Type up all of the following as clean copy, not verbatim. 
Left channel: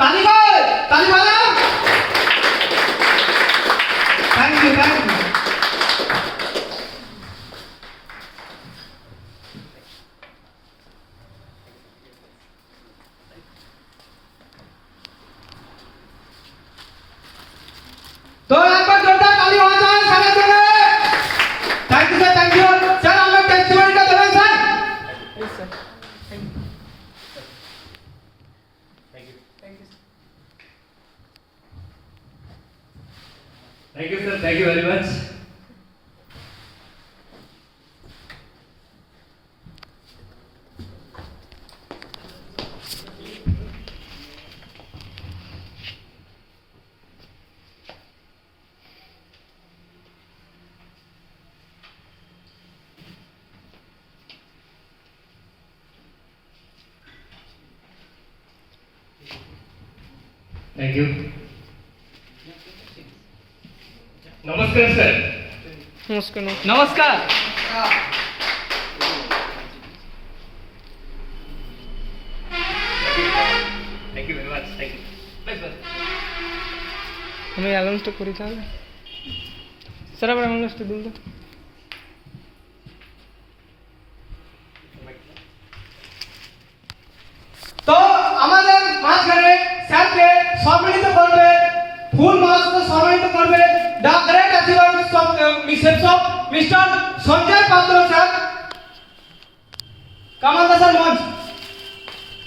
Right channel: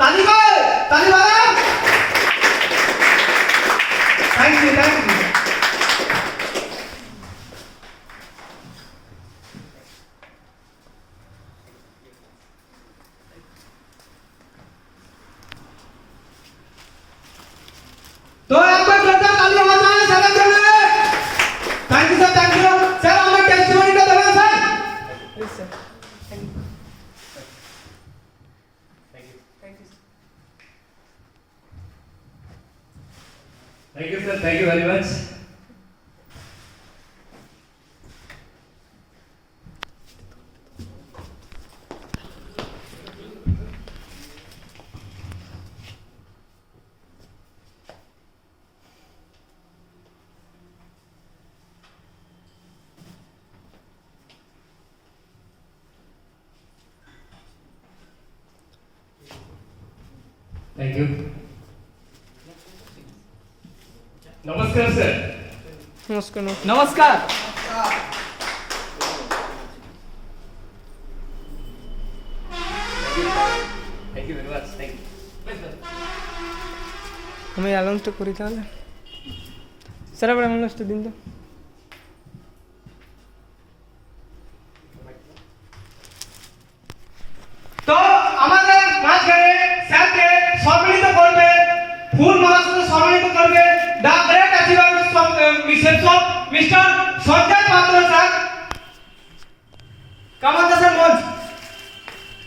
ताली बजाओ। Thank you. तो एक बार जोरदार ताली हो जाए सर जोड़े। Thank you sir, thank you sir. हमें टेस्टिमनी का देवें sir. Yes sir, thank you. Thank you sir, thank you very much. Thank you. नमस्कार सर। नमस्कार। नमस्कार। Thank you very much. Thank you. हमें अनाउंस तो करी था सर, अब अनाउंस तो दिन दो। तो আমাদের মাঝখানে স্যারকে সম্মানিত করবে, ফুল মালা দিয়ে সম্মানিত করবে the great achievers of mister Sanjay Patra sir. কামাল স্যার মঞ্চ।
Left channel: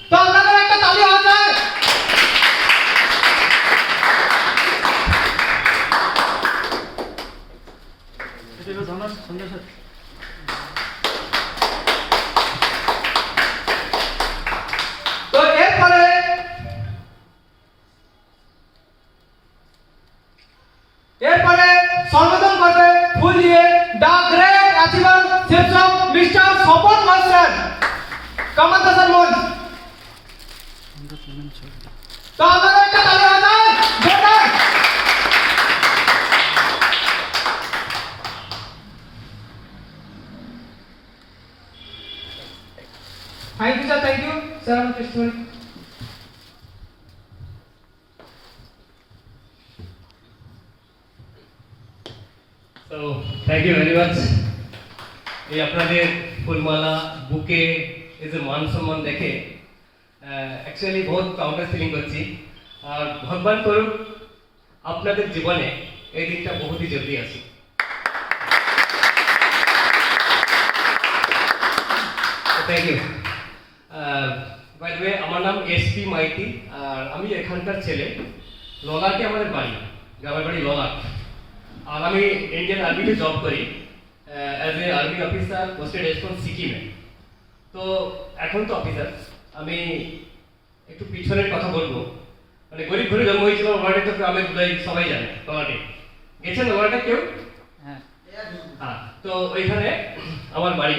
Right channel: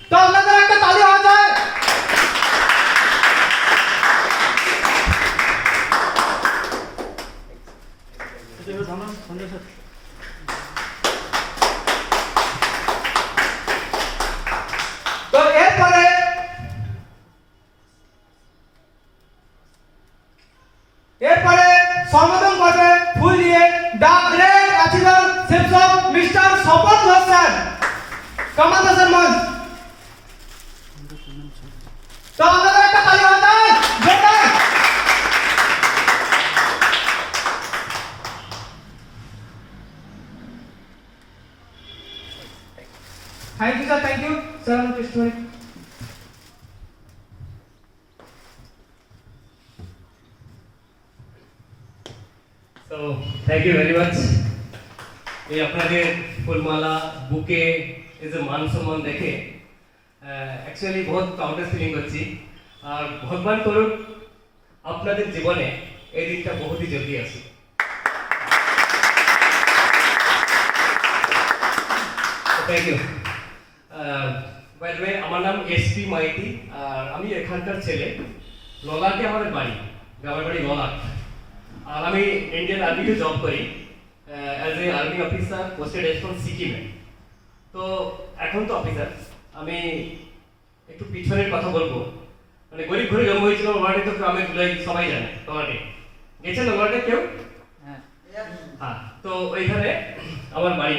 তো আপনাদের একটা তালি হওয়া যায়। তো এরপরে সম্বোধন করবে ফুল দিয়ে the great achievers of mister Swapan Ghosh sir. কামাল স্যার মঞ্চ। তো আপনাদের একটা তালি হওয়া যায় জোরদার। Thank you sir, thank you sir. हम testimony. So thank you very much. এই আপনাদের ফুলমালা বুকে এই যে মান সম্মান দেখে অ্যাকচুয়ালি বহুত প্রাউড ফিলিং করছি। আর ভগবান করুন আপনাদের জীবনে এই দিনটা বহুতই জলদি আসে। Thank you. By the way, আমার নাম এসপি মাইতি আর আমি এখানকার ছেলে। ললাটে আমাদের বাড়ি, গ্রামের বাড়ি ললাট। আর আমি ইন্ডিয়ান আর্মিতে জব করি as a army officer posted as from সিকিমে। তো এখন তো অফিসার আমি একটু পিছনের কথা বলবো। মানে গরিব ঘরে জন্ম হয়েছিল ওয়ার্ডে, তো গ্রামের ধুলাই সবাই জানে। ললাটে গেছেন ওয়ার্ডে কেউ? হ্যাঁ। তো ওইখানে আমার বাড়ি।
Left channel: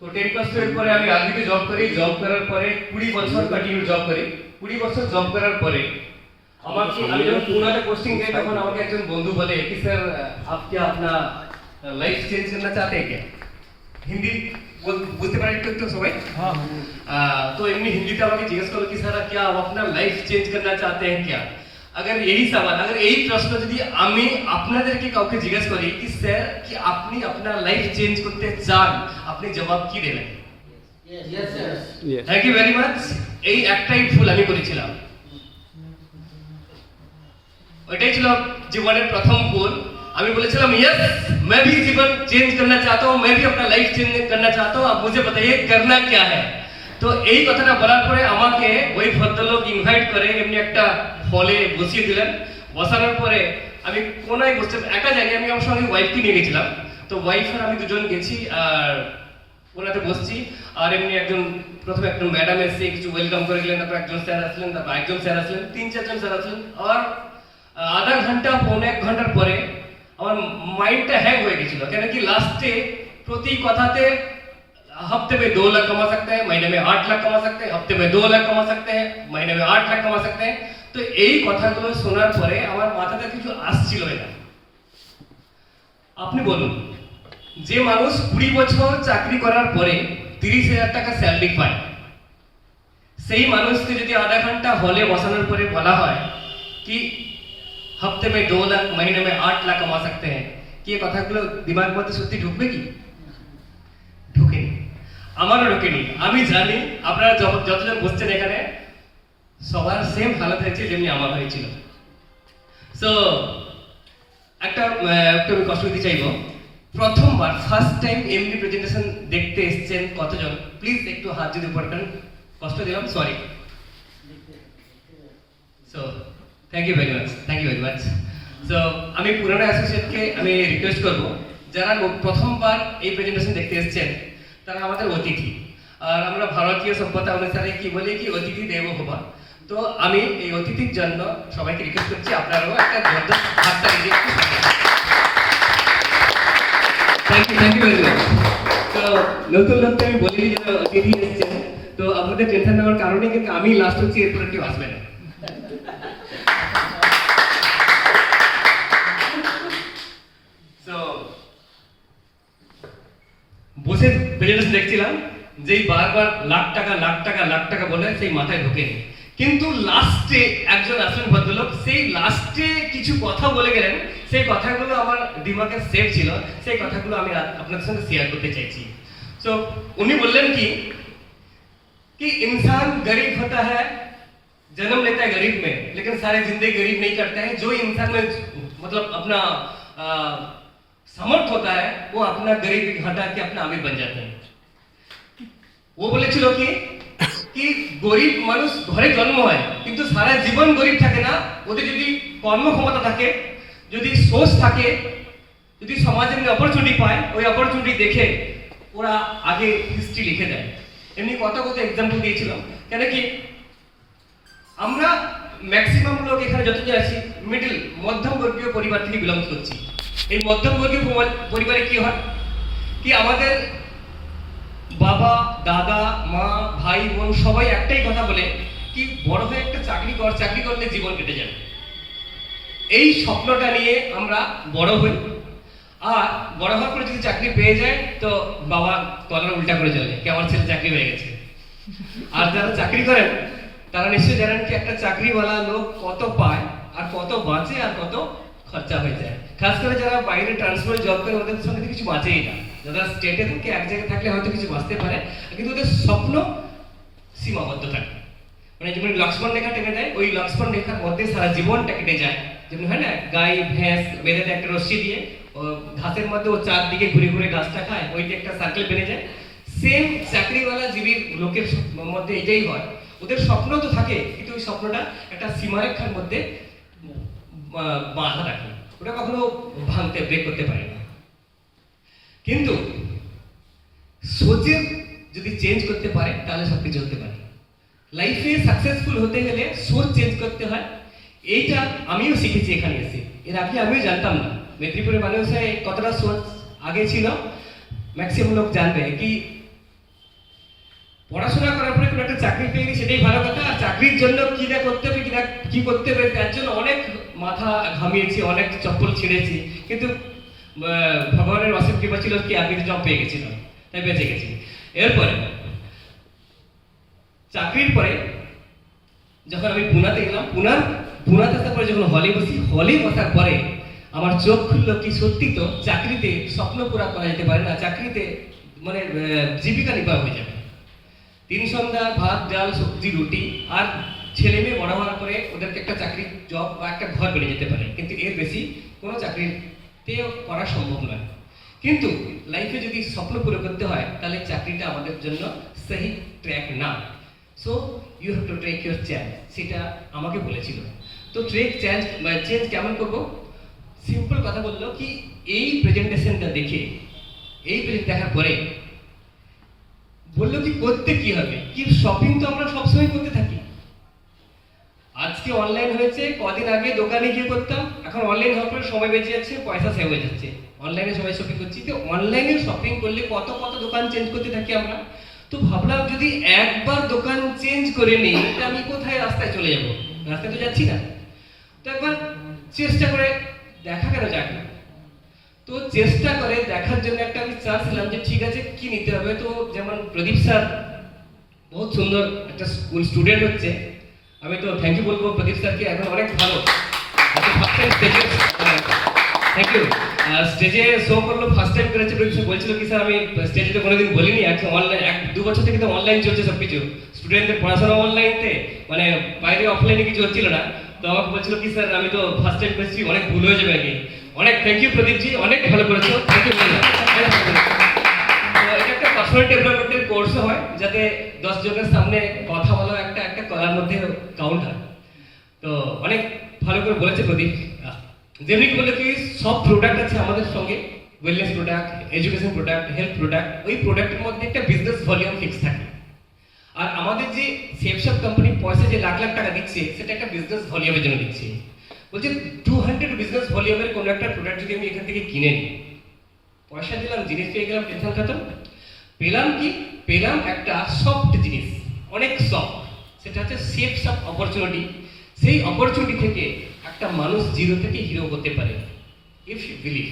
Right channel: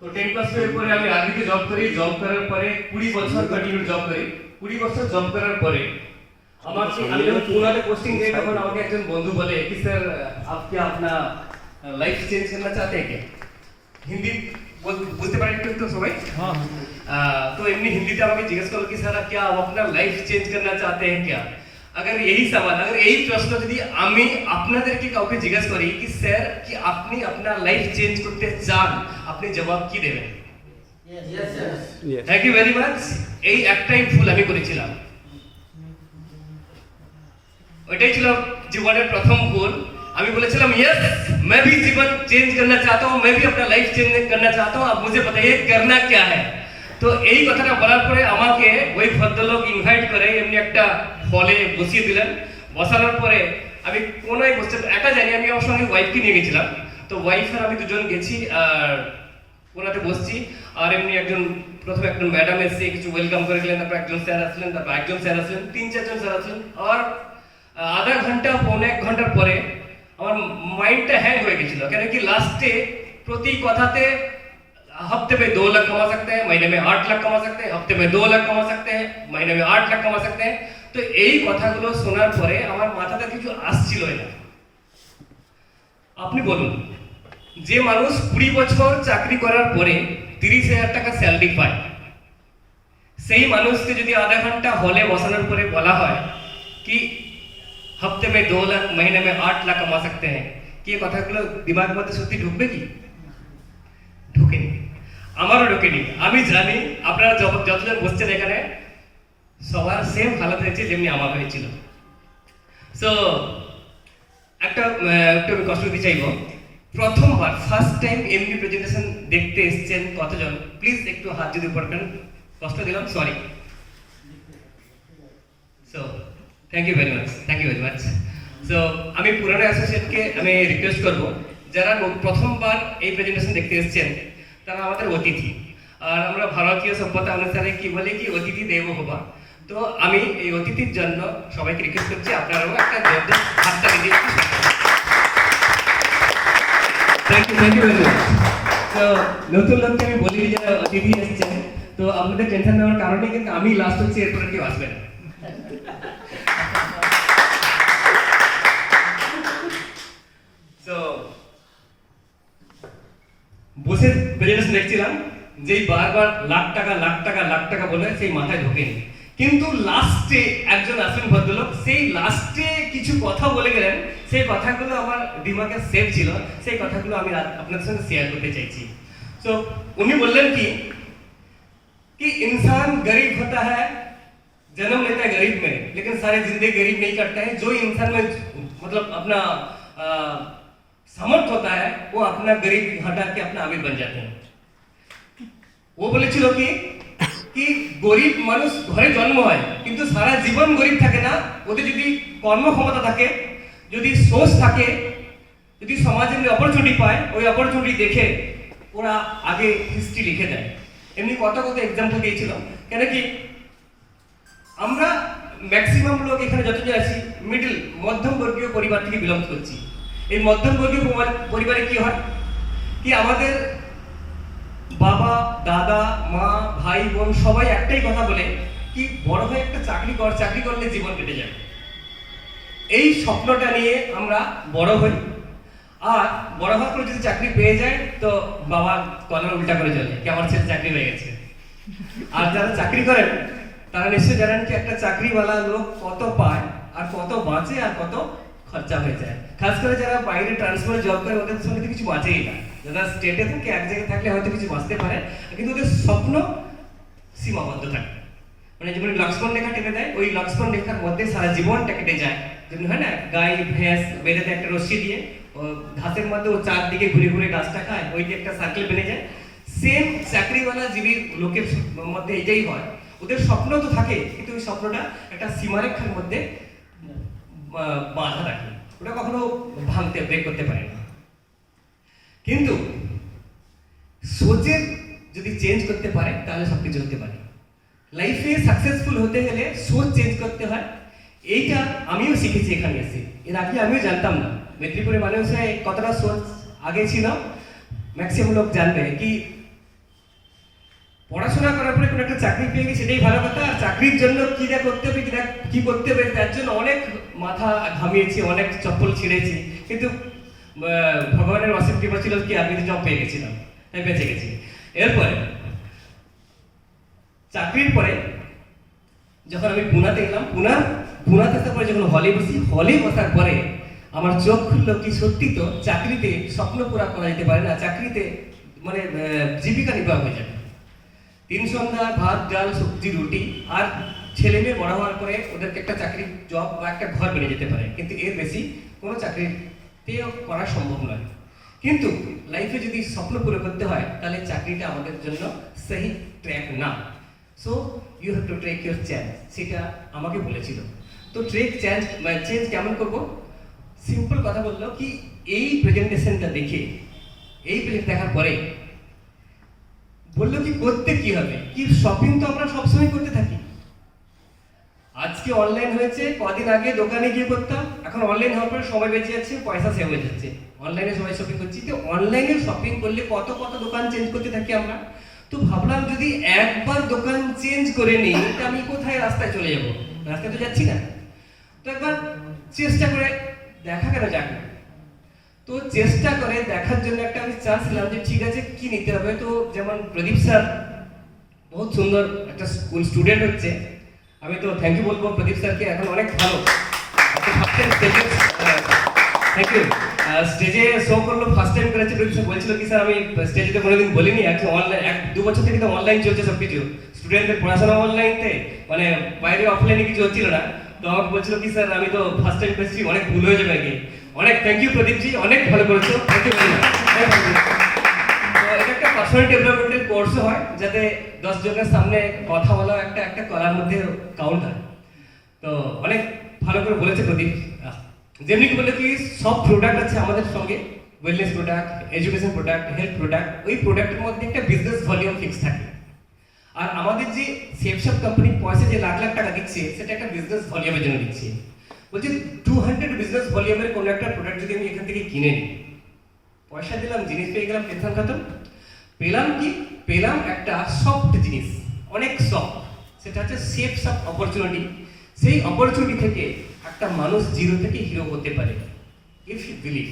তো 10 ক্লাস টুয়েলভ পরে আমি আর্মিতে জব করি। জব করার পরে 20 বছর কন্টিনিউ জব করি। 20 বছর জব করার পরে আমাকে, আমি যখন পুনাতে পোস্টিং দিই তখন আমাকে একজন বন্ধু বলে कि सर आप क्या अपना लाइफ चेंज करना चाहते हैं क्या? हिंदी बोलते पारें একটু সবাই? तो एमनी हिंदीতে আমাকে জিজ্ঞেস করলো कि सर क्या आप अपना लाइफ चेंज करना चाहते हैं क्या? अगर यही सवाल, अगर यही प्रश्न যদি আমি আপনাদেরকে কাউকে জিজ্ঞেস করি कि सर কি আপনি আপনার লাইফ চেঞ্জ করতে চান, আপনি জবাব কি দেবেন? Yes yes. Thank you very much. এই একটাই ভুল আমি করেছিলাম। ওইটাই ছিল জীবনের প্রথম ভুল। আমি বলেছিলাম यस मैं भी जीवन चेंज करना चाहता हूं, मैं भी अपना लाइफ चेंज करना चाहता हूं, अब मुझे बताइए करना क्या है। তো এই কথাটা বলার পরে আমাকে ওই ভদ্রলোক ইনভাইট করে এমনি একটা হলে বসিয়ে দিলেন। বসানোর পরে আমি কোনায় বসে একা জানি, আমি আমার সঙ্গে ওয়াইফকে নিয়ে গেছিলাম। তো ওয়াইফ আর আমি দুজন গেছি আর ওনাতে বসছি। আর এমনি একজন প্রথমে একজন ম্যাডাম এসে কিছু ওয়েলকাম করে গেলেন, তারপর একজন স্যার আসলেন, তারপর একজন স্যার আসলেন, 3-4 স্যার আসলেন। আর আধা ঘন্টা পৌনে 1 ঘন্টার পরে আমার মাইন্ডটা হ্যাং হয়ে গেছিল। কেন কি লাস্টে প্রতি কথাতে हफ्ते में 2 लाख कमा सकते हैं, महीने में 8 लाख कमा सकते हैं, हफ्ते में 2 लाख कमा सकते हैं, महीने में 8 लाख कमा सकते हैं। तो এই কথাগুলো শোনার পরে আমার মাথাতে কিছু আসছিলই না। আপনি বলুন, যে মানুষ 20 বছর চাকরি করার পরে 30,000 টাকা স্যালারি পায়, সেই মানুষকে যদি আধা ঘন্টা হলে বসানোর পরে বলা হয় কি হপ্তে মে 2 লাখ মহিনে মে 8 লাখ কামা সকতে হ্যাঁ, কি এই কথাগুলো দিমাগ মধ্যে সত্যি ঢুকবে কি? ঢুকেনি, আমারও ঢুকেনি। আমি জানি আপনারা যতজন বসছেন এখানে সবার সেম হালত হয়েছে যেমনি আমার হয়েছিল। সো একটা একটু আমি কষ্ট দিতে চাইবো, প্রথমবার ফার্স্ট টাইম এমনি প্রেজেন্টেশন দেখতে এসেছেন কতজন? প্লিজ একটু হাত যদি উপর করেন, কষ্ট দিলাম, sorry. So thank you very much. So আমি পুরানো অ্যাসোসিয়েটকে আমি রিকোয়েস্ট করব, যারা প্রথমবার এই প্রেজেন্টেশন দেখতে এসেছেন তারা আমাদের অতিথি। আর আমরা ভারতীয় সভ্যতা অনুসারে কি বলি কি অতিথি দেব ভব। তো আমি এই অতিথির জন্য সবাইকে রিকোয়েস্ট করছি আপনারাও একটা জোরদার হাততালি দিয়ে থ্যাংক ইউ ভেরি মাচ। তো নতুন লোককে আমি বলি যারা অতিথি এসেছেন, তো আপনাদের টেনশন নেওয়ার কারণে কিন্তু আমি লাস্ট হচ্ছি, এরপরে কেউ আসবে না। তো বসে প্রেজেন্টেশন দেখছিলাম, যেই বারবার লাখ টাকা বলে সেই মাথায় ঢোকেনি, কিন্তু লাস্টে একজন আসলেন ভদ্রলোক, সেই লাস্টে কিছু কথা বলে গেলেন, সেই কথাগুলো আমার দিমাগে সেভ ছিল, সেই কথাগুলো আমি আপনাদের সঙ্গে শেয়ার করতে চাইছি। তো উনি বললেন कि इंसान गरीब होता है, जन्म लेता है गरीब में, लेकिन सारे जिंदगी गरीब नहीं करते हैं। जो इंसान में मतलब अपना सामर्थ्य होता है वो अपना गरीब हटा के अपना अमीर बन जाते हैं। वो বলেছিল কি গরিব মানুষ ঘরে জন্ম হয় কিন্তু সারা জীবন গরিব থাকে না। ওদের যদি কর্মক্ষমতা থাকে, যদি সোর্স থাকে, যদি সমাজে অপরচুনিটি পায়, ওই অপরচুনিটি দেখে ওরা আগে হিস্ট্রি লিখে দেয়। এমনি কত এক্সাম্পল দিয়েছিলাম, কেন কি আমরা ম্যাক্সিমাম লোক এখানে যতজন আছি মিডল মধ্যমবর্গীয় পরিবার থেকে বিলং করছি। এই মধ্যমবর্গীয় পরিবারে কি হয় কি আমাদের বাবা দাদা মা ভাই বোন সবাই একটাই কথা বলে কি বড় হয়ে একটা চাকরি করলে জীবন কেটে যাবে। এই স্বপ্নটা নিয়ে আমরা বড় হই, আর বড় হওয়ার পরে যদি চাকরি পেয়ে যায় তো বাবা কলার উল্টা করে চলে কি আমার ছেলে চাকরি পেয়ে গেছে। আর যারা চাকরি করেন তারা নিশ্চয়ই জানেন কি একটা চাকরিওয়ালা লোক কত পায় আর কত বাঁচে আর কত খরচা হয়ে যায়। খাস করে যারা বাইরে ট্রান্সফার জব করে ওদের সঙ্গে কিছু বাঁচেই না। যারা স্টেটে থাকে এক জায়গায় থাকলে হয়তো কিছু বাঁচতে পারে, কিন্তু ওদের স্বপ্ন সীমাবদ্ধ থাকে। মানে যেমন লক্ষ্মণ রেখা টেনে দেয়, ওই লক্ষ্মণ রেখার মধ্যে সারা জীবনটা কেটে যায়। যেমন হয় না গাই ভেঁস বেঁধে দেয় একটা রশ্মি দিয়ে, ঘাসের মধ্যে ও চারদিকে ঘুরে ঘুরে গাছটা খায়, ওই যে একটা সার্কেল বেড়ে যায়। সেম চাকরিওয়ালা জীবীর লোকের মধ্যে এটাই হয়, ওদের স্বপ্ন তো থাকে কিন্তু ওই স্বপ্নটা একটা সীমারেখার মধ্যে বাঁধা রাখে, ওটা কখনো ভাঙতে ব্রেক করতে পারে না। কিন্তু সোচের যদি চেঞ্জ করতে পারে তাহলে সবকিছু হতে পারে। লাইফে সাকসেসফুল হতে গেলে সোচ চেঞ্জ করতে হয়। এইটা আমিও শিখেছি এখানে এসে, এর আগে আমিও জানতাম না মেদিনীপুরের মানুষে কতটা সোচ আগে ছিল। ম্যাক্সিমাম লোক জানবে কি পড়াশোনা করার পরে কোনো একটা চাকরি পেয়ে গেলে সেটাই ভালো কথা, আর চাকরির জন্য কি না করতে হবে কি করতে হবে তার জন্য অনেক মাথা ঘামিয়েছি, অনেক চপ্পল ছিঁড়েছি, কিন্তু ভগবানের অসীম কৃপা ছিল কি আমি জব পেয়ে গেছিলাম, তাই বেঁচে গেছি। এরপরে চাকরির পরে যখন আমি পুনাতে গেলাম, পুনাতে আসার পরে যখন হলে বসার পরে আমার চোখ খুললো কি সত্যি তো চাকরিতে স্বপ্ন পুরা করা যেতে পারে না, চাকরিতে মানে জীবিকা নির্বাহ হয়ে যাবে। 3 সন্ধ্যা ভাত ডাল সবজি রুটি, আর ছেলে মেয়ে বড় হওয়ার পরে ওদেরকে একটা চাকরি জব বা একটা ঘর বেড়ে যেতে পারে, কিন্তু এর বেশি কোনো চাকরিতে করা সম্ভব নয়। কিন্তু লাইফে যদি স্বপ্ন পুরো করতে হয় তাহলে চাকরিটা আমাদের জন্য সহি ট্র্যাক না। So you have to take your chance, সেটা আমাকে বলেছিল। তো চেঞ্জ কেমন করবো? সিম্পল কথা বললো কি এই প্রেজেন্টেশনটা দেখে, এই প্রেজেন্ট দেখার পরে বললো কি করতে কি হবে, কি শপিং তো আমরা সবসময় করতে থাকি। আজকে অনলাইন হয়েছে, কদিন আগে দোকানে গিয়ে করতাম, এখন অনলাইন হওয়ার পরে সময় বেঁচে যাচ্ছে, পয়সা সেভ হয়ে যাচ্ছে, অনলাইনে সবাই শপিং করছি। তো অনলাইনে শপিং করলে কত দোকান চেঞ্জ করতে থাকি আমরা। তো ভাবলাম যদি একবার দোকান চেঞ্জ করে নিই তো আমি কোথায় রাস্তায় চলে যাব, রাস্তায় তো যাচ্ছি না। তো একবার চেষ্টা করে দেখা কেন যাক না। তো চেষ্টা করে দেখার জন্য একটা আমি চান্স নিলাম যে ঠিক আছে কি নিতে হবে। তো যেমন প্রদীপ স্যার বহুত সুন্দর একটা স্কুল স্টুডেন্ট হচ্ছে, আমি তো থ্যাংক ইউ বলবো প্রদীপ স্যারকে, এখন অনেক ভালো থ্যাংক ইউ। স্টেজে শো করলো, ফার্স্ট টাইম করেছে। প্রদীপ স্যার বলছিল কি স্যার আমি স্টেজে তো কোনোদিন বলিনি, একদম অনলাইন 1-2 বছর থেকে তো অনলাইন চলছে সব কিছু, স্টুডেন্টদের পড়াশোনা অনলাইনতে, মানে বাইরে অফলাইনে কিছু হচ্ছিল না। তো আমাকে বলছিল কি স্যার আমি তো ফার্স্ট টাইম করেছি, অনেক ভুল হয়ে যাবে আগে। অনেক থ্যাংক ইউ প্রদীপ জি, অনেক ভালো করেছো, থ্যাংক ইউ ভেরি মাচ। তো এটা একটা পার্সোনাল ডেভেলপমেন্টের কোর্সও হয়, যাতে 10 জনের সামনে কথা বলা একটা কলার মধ্যে কাউন্ট হয়। তো অনেক ভালো করে বলেছে প্রদীপ। যেমনি বলে কি সব প্রোডাক্ট আছে আমাদের সঙ্গে, wellness product, education product, health product, ওই প্রোডাক্টের মধ্যে একটা বিজনেস ভলিউম ফিক্স থাকে। আর আমাদের যে সেফশপ কোম্পানি পয়সা যে লাখ লাখ টাকা দিচ্ছে, সেটা একটা বিজনেস ভলিউমের জন্য দিচ্ছে। বলছে 200 বিজনেস ভলিউমের কোনো একটা প্রোডাক্ট যদি আমি এখান থেকে কিনে নিই, পয়সা দিলাম, জিনিস পেয়ে গেলাম, টেনশন খতম। পেলাম কি? পেলাম একটা সফট জিনিস, অনেক সফট, সেটা হচ্ছে সেফশপ অপরচুনিটি। সেই অপরচুনিটি থেকে একটা মানুষ জিরো থেকে হিরো হতে পারে, ইফ ইউ বিলিভ।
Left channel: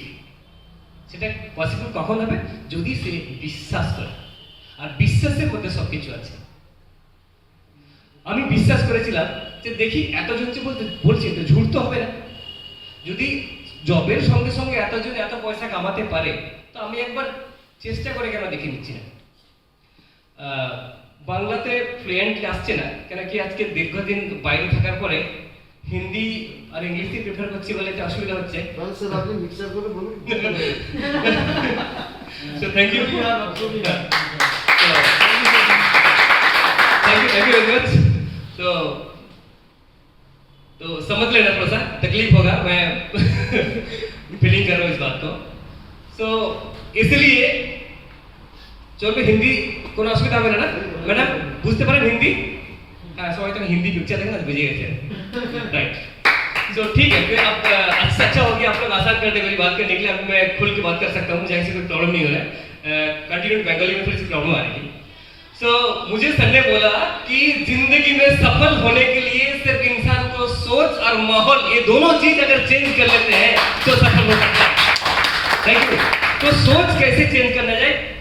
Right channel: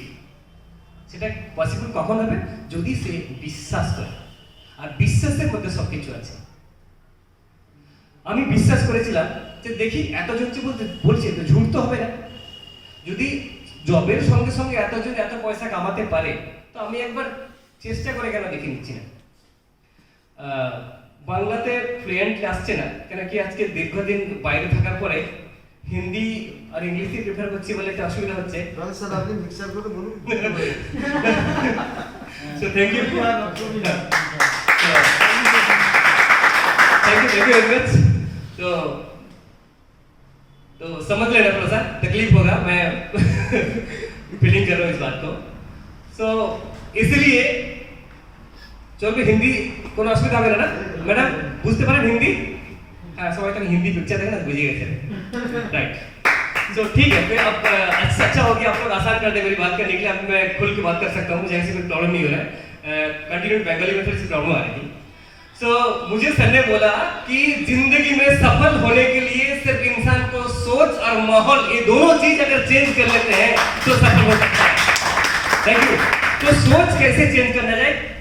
সেটা পসিবল কখন হবে? যদি সে বিশ্বাস করে, আর বিশ্বাসের মধ্যে সবকিছু আছে। আমি বিশ্বাস করেছিলাম যে দেখি এতজন যে বলছে তো ঝুট তো হবে না, যদি জবের সঙ্গে সঙ্গে এতজন এত পয়সা কামাতে পারে, তো আমি একবার চেষ্টা করে কেন দেখে নিচ্ছি না। বাংলাতে ফ্লুয়েন্টলি আসছে না কেন কি, আজকে দীর্ঘদিন বাইরে থাকার পরে হিন্দি আর ইংলিশে প্রেফার করছি বলে একটা অসুবিধা হচ্ছে। স্যার আপনি মিক্সার করে বলুন। So thank you very much. तो समझ लेना, थोड़ा सा तकलीफ होगा, मैं फीलिंग कर रहा हूँ इस बात को। सो इसलिए চলবে হিন্দি, কোনো অসুবিধা হবে না? ম্যাডাম বুঝতে পারেন হিন্দি? हाँ सबाई तो हिंदी पिक्चर देखना तो बुझे गए, राइट। तो ठीक है, फिर अब अच्छा हो गया, आप लोग आसान कर दे मेरी बात करने के लिए। अब मैं खुल के बात कर सकता हूँ, मुझे ऐसी कोई प्रॉब्लम नहीं हो रहा है। कंटिन्यू बंगाली में थोड़ी सी प्रॉब्लम आ रही थी। सो मुझे सर ने बोला कि जिंदगी में सफल होने के लिए सिर्फ इंसान को सोच और माहौल, ये दोनों चीज अगर चेंज कर लेते हैं तो सफल हो सकता है। Thank you. तो सोच कैसे चेंज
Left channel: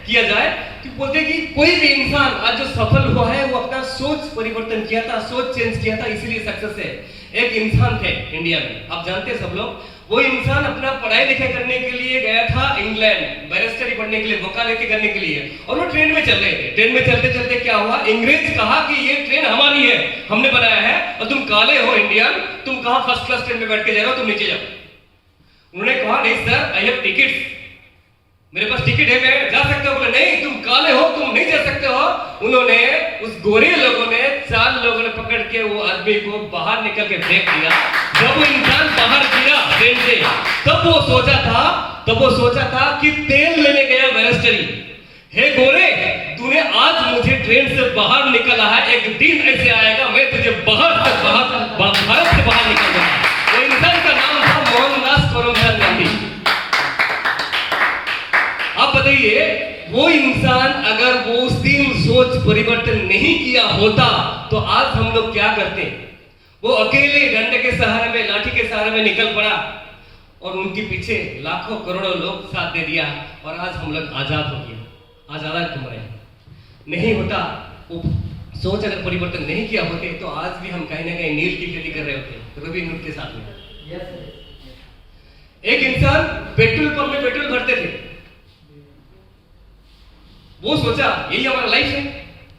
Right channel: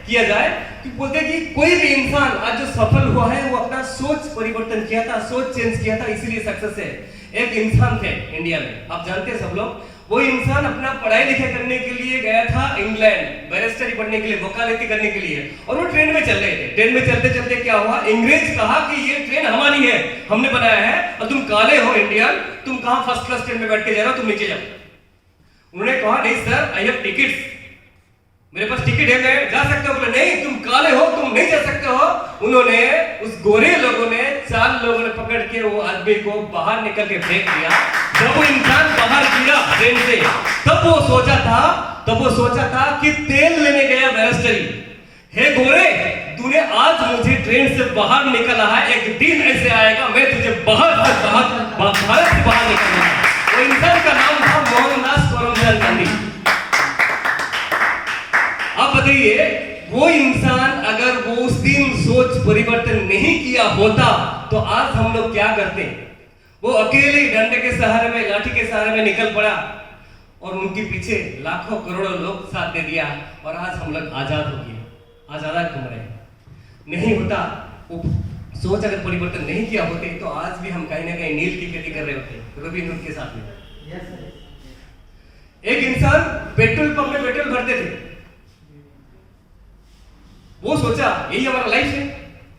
किया जाए? कि बोलते हैं कि कोई भी इंसान आज जो सफल हुआ है वो अपना सोच परिवर्तन किया था, सोच चेंज किया था, इसीलिए सक्सेस है। एक इंसान थे इंडिया में, आप जानते हैं सब लोग, वो इंसान अपना पढ़ाई लिखाई करने के लिए गया था इंग्लैंड, बैरिस्टरी पढ़ने के लिए, वकालती करने के लिए, और वो ट्रेन में चल रहे थे। ट्रेन में चलते चलते क्या हुआ, अंग्रेज कहा कि ये ट्रेन हमारी है, हमने बनाया है, और तुम काले हो इंडियन, तुम कहां फर्स्ट क्लास ट्रेन में बैठ के जा रहे हो, तुम नीचे जाओ। उन्होंने कहा नहीं सर, आई हैव टिकट्स, मेरे पास टिकट है, मैं जा सकता हूं। बोले नहीं, तुम काले हो, तुम नहीं जा सकते हो। उन्होंने, उस गोरे लोगों ने, 4 लोगों ने पकड़ के वो आदमी को बाहर निकल के फेंक दिया। जब वो इंसान बाहर गिरा ट्रेन से, तब वो सोचा था कि तेल लेने गया बैरिस्टरी, हे गोरे तूने आज मुझे ट्रेन से बाहर निकाला है, एक दिन ऐसे आएगा मैं तुझे भारत से बाहर निकालूंगा। वो इंसान का नाम था मोहनदास करमचंद गांधी। आप बताइए, वो इंसान अगर वो उस दिन सोच परिवर्तन नहीं किया होता तो आज हम लोग क्या करते? वो अकेले डंडे के सहारे में, लाठी के सहारे में निकल पड़ा, और उनके पीछे लाखों करोड़ों लोग साथ दे दिया, और आज हम लोग आजाद हो गए, आजाद घूम रहे। नहीं होता, वो सोच अगर परिवर्तन नहीं किया होते तो आज भी हम कहीं ना कहीं नील की खेती कर रहे होते, रविंद्र के साथ में। एक इंसान पेट्रोल पंप में पेट्रोल भरते थे, वो सोचा यही हमारा लाइफ है।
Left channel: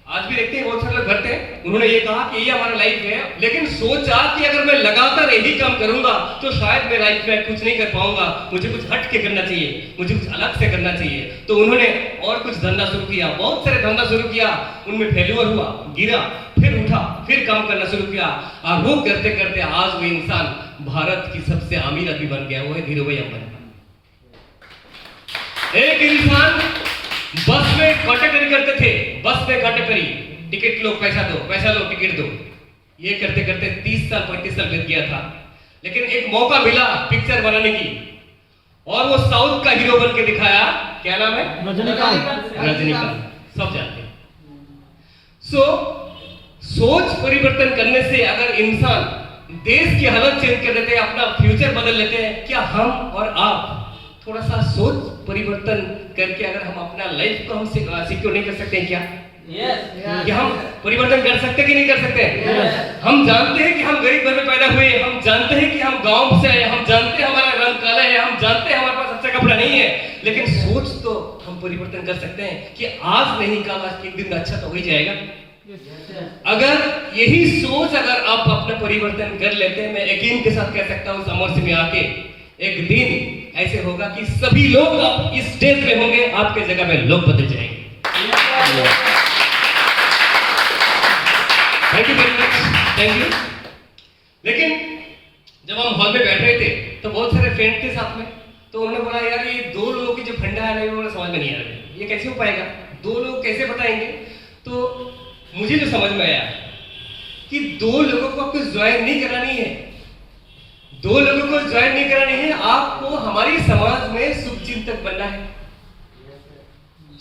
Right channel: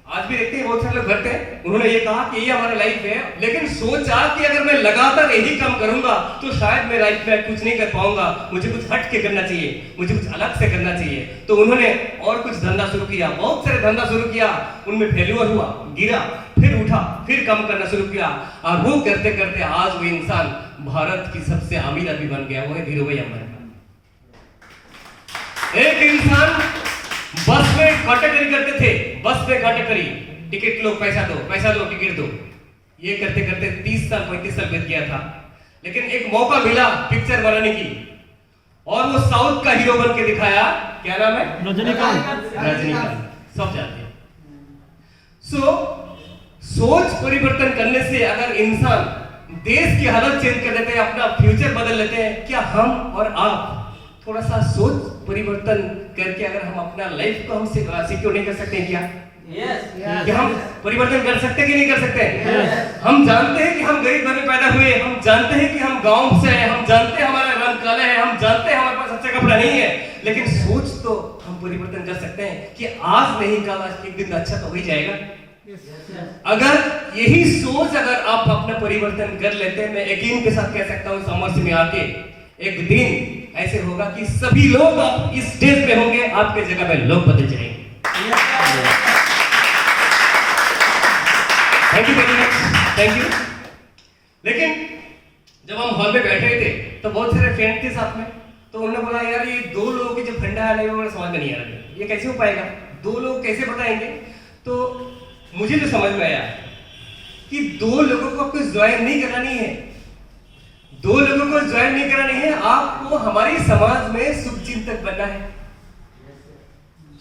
आज भी देखते हैं बहुत सारे लोग भरते हैं, उन्होंने ये कहा कि यही हमारा लाइफ है, लेकिन सोचा कि अगर मैं लगातार यही काम करूंगा तो शायद मैं लाइफ में कुछ नहीं कर पाऊंगा, मुझे कुछ हट के करना चाहिए, मुझे कुछ अलग से करना चाहिए। तो उन्होंने और कुछ धंधा शुरू किया, बहुत सारे धंधा शुरू किया, उनमें फेल्यूर हुआ, गिरा, फिर उठा, फिर काम करना शुरू किया, और वो करते करते आज वो इंसान भारत की सबसे अमीर आदमी बन गया, वो है धीरूभाई अंबानी। एक इंसान बस में कंडक्टरी करते थे, बस में कंडक्टरी, टिकट लो, पैसा लो, टिकट दो, ये करते करते 30 साल 35 साल लग गया था। लेकिन एक मौका मिला पिक्चर बनाने की, और वो साउथ का हीरो बन के दिखाया। क्या नाम है? रजनीकांत, सब जानते हैं। सोच परिवर्तन करने से अगर इंसान देश की हालत चेंज कर देते हैं, अपना फ्यूचर बदल लेते हैं, क्या हम और आप थोड़ा सा सोच परिवर्तन करके अगर हम अपना लाइफ को हम सिक्योर नहीं कर सकते हैं क्या? कि हम परिवर्तन कर सकते कि नहीं कर सकते? हम जानते हैं कि हम गरीब घर में पैदा हुए, हम जानते हैं कि हम गांव से आए, हम जानते हैं हमारा रंग काला है, हम जानते हैं हमारे पास अच्छा कपड़ा नहीं है, लेकिन सोच तो हम परिवर्तन कर सकते हैं कि आज नहीं कल, आज एक दिन अच्छा तो हो ही जाएगा। अगर यही सोच अगर आप अपना परिवर्तन कर लेते हैं, मैं यकीन के साथ कह सकता हूं सामर्थ्य में आके एक दिन ऐसे होगा कि सभी लोग आप इस स्टेज पे होंगे, आपके जगह पे लोग बदल जाएंगे। Thank you very much, thank you. लेकिन जब हम हॉल में बैठ रहे थे तो बहुत सारे फ्रेंड थे साथ में, तो उन्होंने बोला यार ये दो लोगों की जो फंडा है वो समझ में नहीं आ रहा है, ये कैसे हो पाएगा, दो लोग कैसे बताएंगे? तो मुझे जो समझ में आया कि दो लोगों को आपको ज्वाइन नहीं करानी है, दो लोगों को ज्वाइन नहीं करानी है, आपको हमारी समाज में शुभचिंतक बनना है।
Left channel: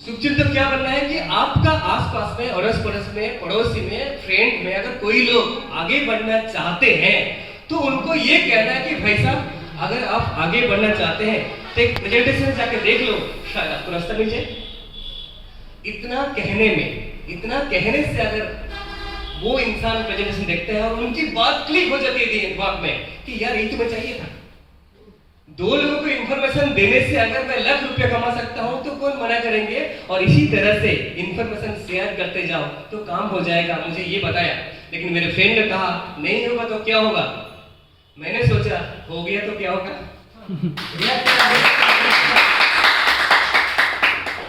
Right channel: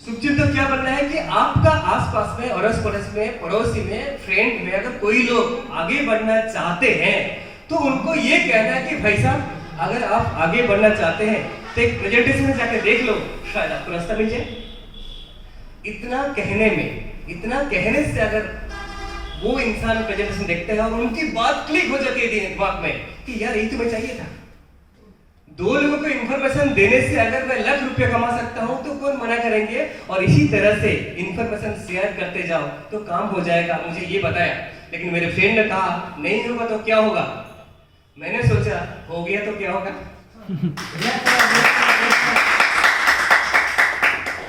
शुभचिंतक क्या बनना है कि आपका आसपास में, अड़ोस पड़ोस में, पड़ोसी में, फ्रेंड में अगर कोई लोग आगे बढ़ना चाहते हैं तो उनको ये कहना है कि भाई साहब अगर आप आगे बढ़ना चाहते हैं तो एक प्रेजेंटेशन जाके देख लो, शायद आपको रास्ता मिल जाए। इतना कहने में, इतना कहने से अगर वो इंसान प्रेजेंटेशन देखते हैं और उनकी बात क्लिक हो जाती है दिमाग में कि यार ये तुम्हें चाहिए था। दो लोगों को इंफॉर्मेशन देने से अगर मैं लाख रुपया कमा सकता हूं तो कौन मना करेंगे? और इसी तरह से इंफॉर्मेशन शेयर करते जाओ तो काम हो जाएगा। मुझे ये बताया, लेकिन मेरे फ्रेंड ने कहा नहीं होगा तो क्या होगा? मैंने सोचा हो गया तो क्या होगा?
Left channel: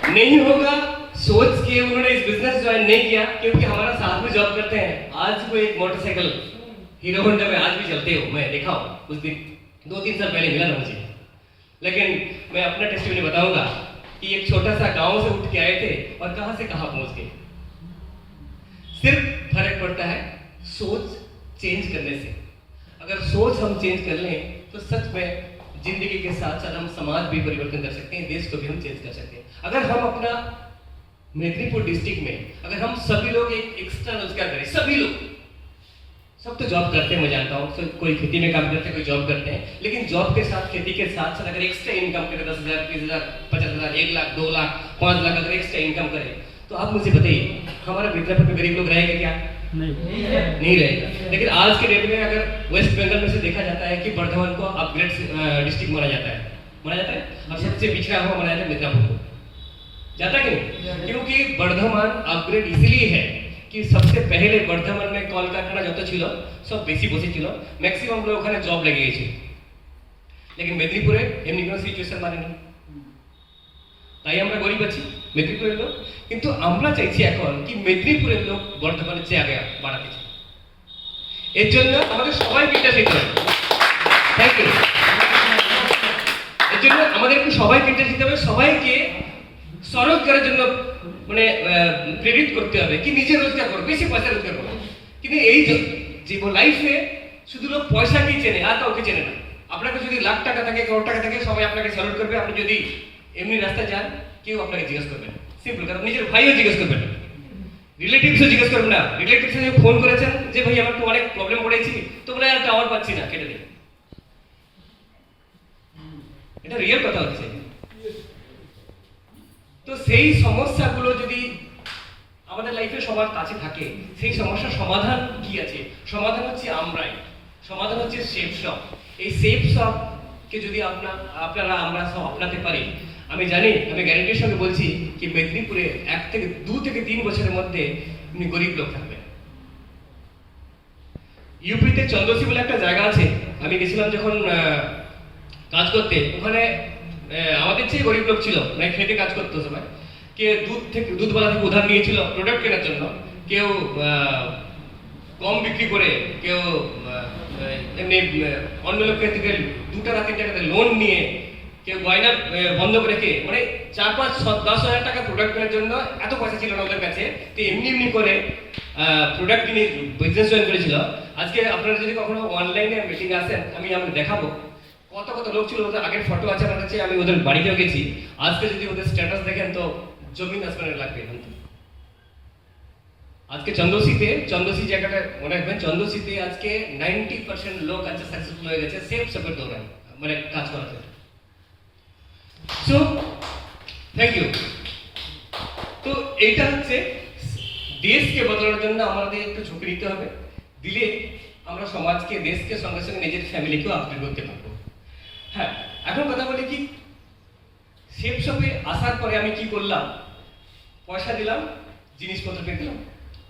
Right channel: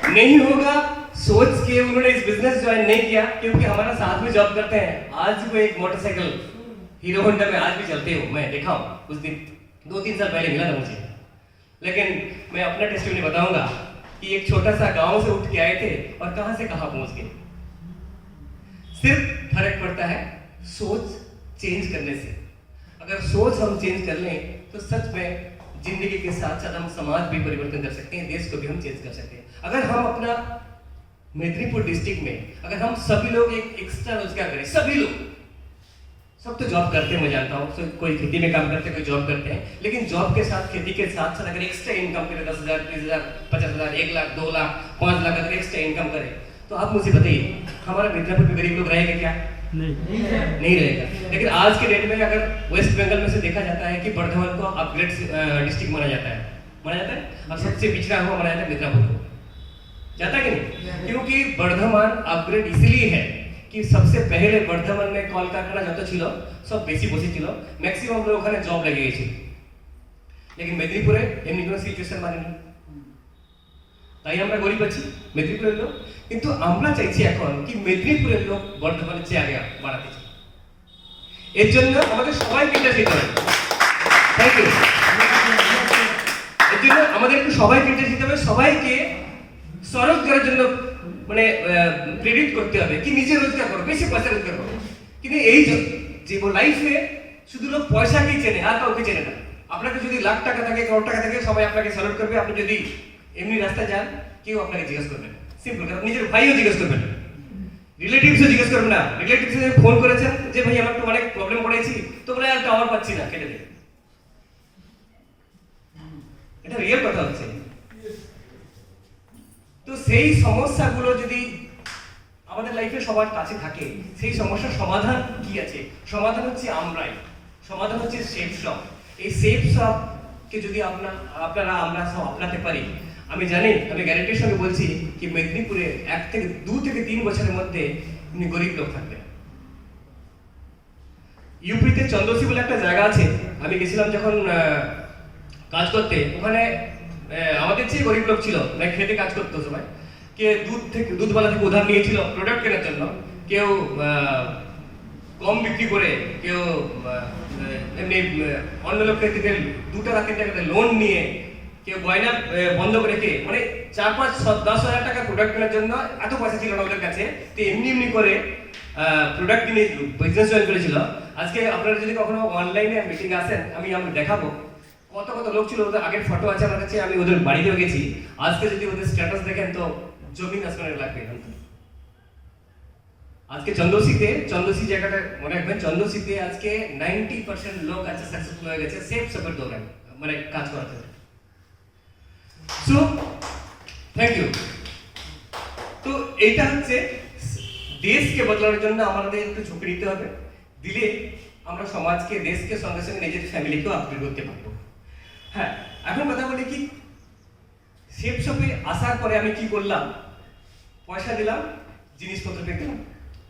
नहीं होगा सोच के उन्होंने इस बिजनेस ज्वाइन नहीं किया, क्योंकि हमारा साथ में जॉब करते हैं। आज वो एक मोटरसाइकिल हीरो होंडा में आज भी चलते हो, मैं देखा हूं, उस दिन 2-3 साल पहले मिला था मुझे। लेकिन मैं अपना टेस्टिमनी बताऊंगा कि एक छोटा सा गांव से उठ के आए थे और कहां से कहां पहुंच गए। सिर्फ फर्क पड़ता है सोच चेंज करने से। अगर सोच हम चेंज कर लें तो सच में जिंदगी के साथ साथ हम समाज भी परिवर्तन कर सकते हैं, देश को भी हम चेंज कर सकते हैं। अगर हम अपना मेदिनीपुर डिस्ट्रिक्ट में अगर हम सभी लोग एक एक्स्ट्रा रोजगार करें, सभी लोग, सब तो जॉब करते हैं, मैं जानता हूँ, तो कोई खेती में काम करते हैं, कोई जॉब करते हैं, लेकिन जॉब के साथ, खेती के साथ साथ अगर एक्स्ट्रा इनकम करें 10,000, 30,000, 50,000, 1 लाख, 2 लाख, 5 लाख अगर एक्स्ट्रा इनकम करें तो आप मुझे बताइए हमारा मिदनापुर में गरीब लोग रहेंगे क्या? नहीं रहेगा। लेकिन आज के डेट में अगर वेस्ट बंगाल में से देखा जाता है कि बर्धमान को अपग्रेड डिस्ट्रिक्ट माना जाता है, और सबसे पिछड़ा हुआ माना जाता है मिदनापुर को। जाता है कि नहीं? क्योंकि बर्धमान अपग्रेड इसलिए है कि सबसे पहले बर्धमान में কলকারখানা যত ছিল সব বেশি বসে ছিল, ম্যাক্সিমাম লোক ওখানে জব লেগে গেছে। लेकिन মেদিনীপুরে এমনি কোনো সিচুয়েশন মানে নেই, তাই আমরা গরিব আছি মেদিনীপুরের লোক। কিন্তু আমরা চাইছি এখন কি মেদিনীপুরের লোক বর্ধমানের চেয়ে আগে বাড়াতে চাই। এর জন্য আমাদের সবাইকে এটা শিখতে হবে। Thank you. এর জন্য আমাদেরকে সবাইকে এটা শিখতে হবে, সবাইকে স্বরোজগারের জন্য মানে প্রেরিত করতে হবে কি নিজে রোজগার করো, বেশি পয়সা রোজগার করো। কিন্তু এই যে লাইফে শুধু লোক পয়সাকেই চেনে আর কাউকে চেনে না। আপনাকে যদি লাখ টাকা থাকে, করোড় টাকা থাকে, সবাই আপনাকে স্যালুট করবে। আপনি যদি এমনি রাস্তায় যান কেউ আপনাকে জিজ্ঞেস করবে না, সিম্পল। কারণ নিজের ভাইও জিজ্ঞেস করবে না, রিলেটিভসও জিজ্ঞেস করবে না। রিলেটিভস যদি ফোন করেছেন যে ভাই আমার তো অনেক প্রবলেম পড়েছি, তো বলে আর টাওয়ার পাচ্ছি না, কেটে দেবে। এটা রিয়েল কথা হচ্ছে। তো সেই সমস্যাগুলো যদি আমাদের লাইফে সবার কাছে থাকে, সেই সমস্যার সমাধান কি আছে? সমাধান হচ্ছে আমরাই, সমাধান হচ্ছে সেফ শপ। এই সেফ শপ কে যদি আমরা সব আপনাতে পারি, আমি জানি, আমি গ্যারান্টির সঙ্গে বলছি কি মেদিনীপুরে 2 থেকে 3 বছরের মধ্যে গরিব লোক থাকবে। ইউপিতে চন্দ্রসি বলে একটা জায়গা আছে, আমি গেছিলাম যখন কাজ করতে। ওখানে আমাদের চেয়ে গরিব লোক ছিল, মানে খেতে কাজ করতো সবাই। কে দুধওয়ালা থেকে উধার নিয়েছিল প্রোডাক্ট কেনার জন্য, কেউ কম বিক্রি করে, কেউ এমনি অন্য লোকের থেকে 2 টাকা 3 টাকাতে লোন নিয়ে, কেউ গয়না বন্ধক রেখে, মানে 4-5-10 হাজার টাকা প্রোডাক্ট কেনার জন্য এত পয়সা ছিল না ওদের কাছে। তো এমনি করে প্রোডাক্ট কিনে বিজনেস জয়েন করেছিল। আজকে আপনারা যদি কখনো অনলাইনে মিটিং আসেন, আমি দেখাবো কত লোক ছিল। ওদের আগের ফটো আছে আমার কাছে, আমি ওদের বাড়িতেও গেছি। আজকে যদি ওদের স্ট্যাটাস দেখেন তো জমিন আসমানের লাগবে এখান থেকে। আজকে চন্দ্রসি জায়গাটা মনে রাখবেন, চন্দ্রসিতে আজকে 90% লোক আছে সাকসেসফুল হয়ে গেছে সেফ শপের দৌড়ায়, মানে কাজ করাতে। So thank you. তো এইটা হচ্ছে দেশকে বদলানোর জন্য আমাদের একটু ঝুঁকি নিতে হবে, দিলে আমরা সমাজকে দেশকে সঙ্গে সঙ্গে নিজের ফ্যামিলিকেও আপডেট করতে পারবো। হ্যাঁ, এখন কথা বলি কি, সেফ শপে আসার পরে আমি কি করলাম, পয়সা দিলাম, জিনিসপত্র পেয়ে দিলাম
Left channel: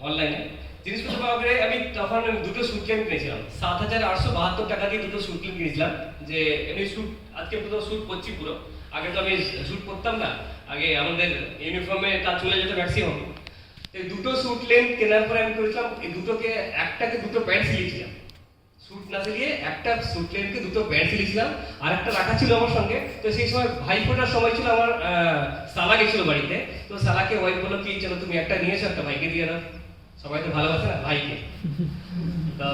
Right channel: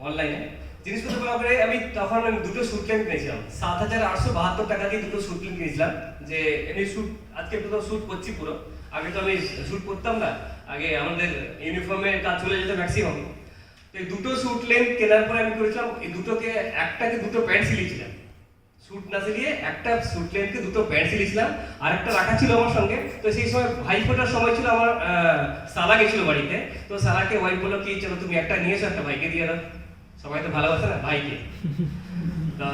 অনলাইনে। জিনিসপত্র পাওয়া করে আমি তখন দুটো স্যুট প্যান্ট কিনেছিলাম, 7,872 টাকা দিয়ে দুটো স্যুট প্যান্ট কিনেছিলাম। যে এমনি স্যুট, আজকে পুরো স্যুট পরছি পুরো, আগে তো আমি স্যুট পরতাম না, আগে আমাদের ইউনিফর্মে কাজ চলে যেত ম্যাক্সিমাম। তো এই দুটো স্যুট লেন্থ কেনার পরে আমি করেছিলাম এই দুটোকে, একটাকে দুটো প্যান্ট সিলিয়েছিলাম, স্যুট না সিলিয়ে একটা স্যুট লেন্থকে দুটো প্যান্ট সিলিয়েছিলাম, আর একটা রাখা ছিল আমার সঙ্গে। তো সেই সময় ভাই ফোটার সময় ছিল, আমার সালা গেছিল বাড়িতে, তো সালাকে ওয়াইফ বললো কি চলো তুমি একটা নিয়েছো, একটা ভাইকে দিয়ে দাও, সবাই তো ভালোবাসে না ভাইকে। তো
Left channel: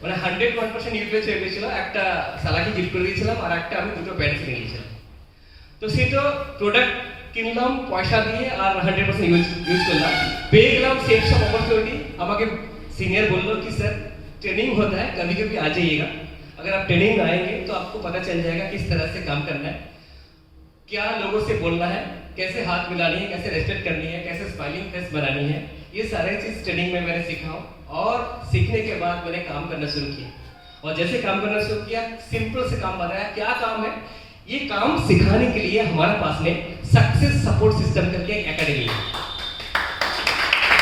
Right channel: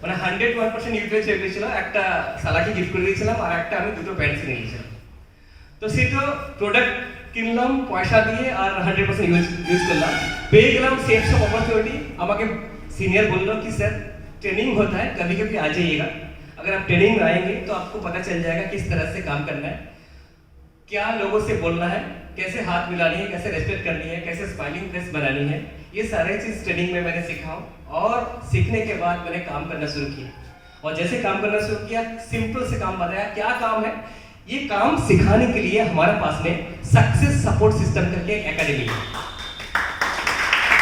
মানে 101% ইউটিলাইজ হয়ে গেছিল, একটা সালাকে গিফট করে দিয়েছিলাম আর একটা আমি দুটো প্যান্ট কিনে নিয়েছিলাম। তো সেই তো প্রোডাক্ট কিনলাম পয়সা দিয়ে আর 100% ইউজ করলাম, পেয়ে গেলাম সেফ শপ अपॉर्चुनिटी। আমাকে सीनियर बोल लो कि सर ट्रेनिंग होता है, कभी कभी आ जाइएगा, अगर आप ट्रेनिंग में आएंगे तो आपको पता चल जाएगा किस तरह से काम करना है, क्या लोगों से बोलना है, कैसे हाथ मिलानी है, कैसे रेस्पेक्ट करनी है, कैसे स्माइलिंग फेस बनानी है, ये सारे चीज ट्रेनिंग में मैंने सीखा हूँ। और सीखने के बाद मैंने काम करना शुरू किया, और जैसे काम करना शुरू किया सिंपल से काम बताया। क्या काम है, ये काम सिखाने के लिए हमारे पास में सक्सेस सपोर्ट सिस्टम करके एक एकेडमी है।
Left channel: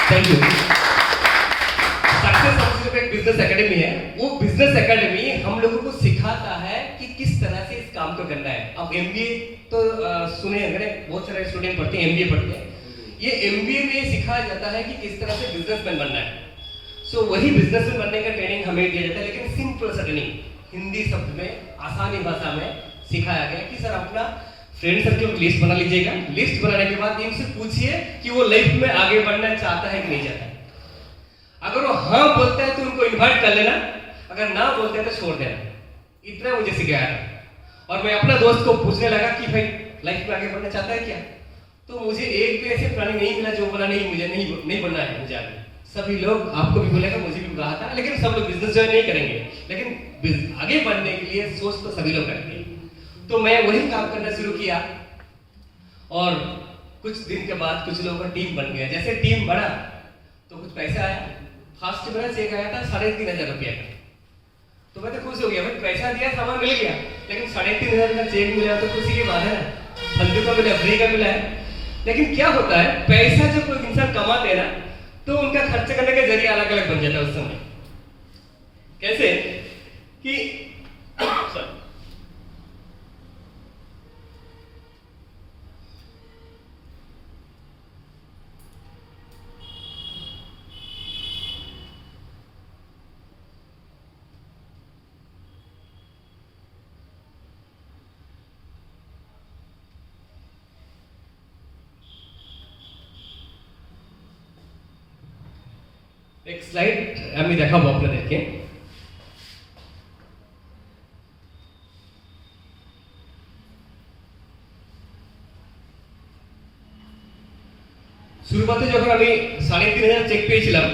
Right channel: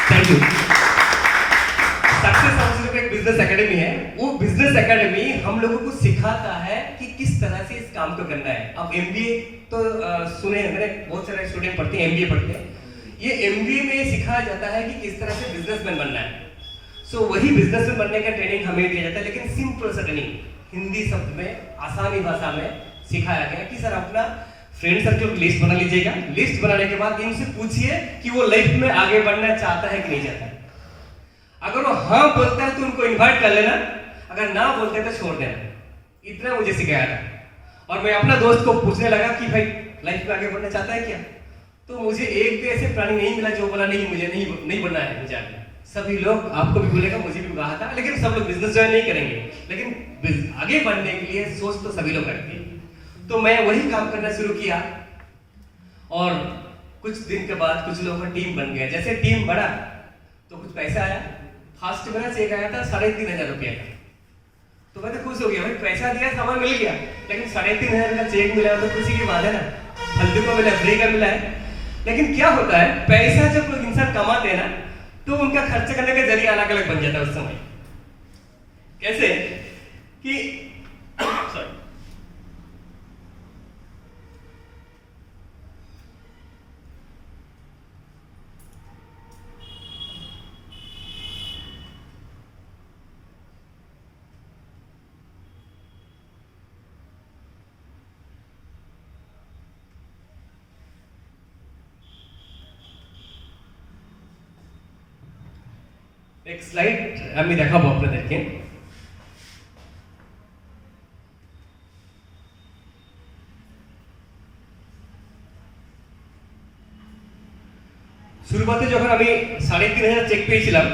Thank you. Success support system एक बिजनेस एकेडमी है, वो बिजनेस एकेडमी हम लोगों को सिखाता है कि किस तरह से इस काम को करना है। अब एमबीए तो सुने, मैंने बहुत सारे स्टूडेंट पढ़ते हैं एमबीए पढ़ते हैं, ये एमबीए में सिखाया जाता है कि किस तरह से बिजनेसमैन बनना है। सो वही बिजनेसमैन बनने का ट्रेनिंग हमें दिया जाता है, लेकिन सिंपल सा ट्रेनिंग, हिंदी शब्द में, आसानी भाषा में सिखाया गया कि सर अपना फ्रेंड सर्कल की लिस्ट बना लीजिएगा, लिस्ट बनाने के बाद इनसे पूछिए कि वो लाइफ में आगे बढ़ना चाहता है कि नहीं चाहता है। अगर वो हाँ बोलता है तो उनको इनवाइट कर लेना, अगर ना बोलते हैं तो छोड़ देना। इतना मुझे सिखाया था। और मैं अपना दोस्त को पूछने लगा कि भाई लाइफ में आगे बढ़ना चाहता है क्या, तो मुझे एक भी ऐसे प्लानिंग नहीं मिला जो बोला नहीं मुझे नहीं बनना है मुझे आगे। सभी लोग, आपको भी बोलेगा, मुझे भी कहा था, लेकिन सब लोग बिजनेस ज्वाइन नहीं करेंगे, लेकिन आगे बढ़ने के लिए सोच तो सभी लोग रखते हैं। तो मैं वही काम करना शुरू किया, और कुछ दिन के बाद कुछ लोगों का टीम बन गया। जैसे टीम बढ़ा तो कुछ पैसा आया, फर्स्ट मेरा चेक आया था 3,500 रुपया का, तो मैं तो खुश हो गया, भाई पैसा दिया सामान मिल गया, लेकिन 3,500 का चेक मिला तो खुशी की बात है ना, फालतू का मिला, फ्री का मिला है। लेकिन क्या होता है, पैसा जब कोई इंसान कमाते हैं ना तो उनका खर्च करने का जरिया अलग अलग बन जाता है उस समय। कैसे कि एक স্লাইড আমি দেখাবো আপনাদেরকে। শুরুতে যখন আমি 3,500 চেক পেয়েছিলাম,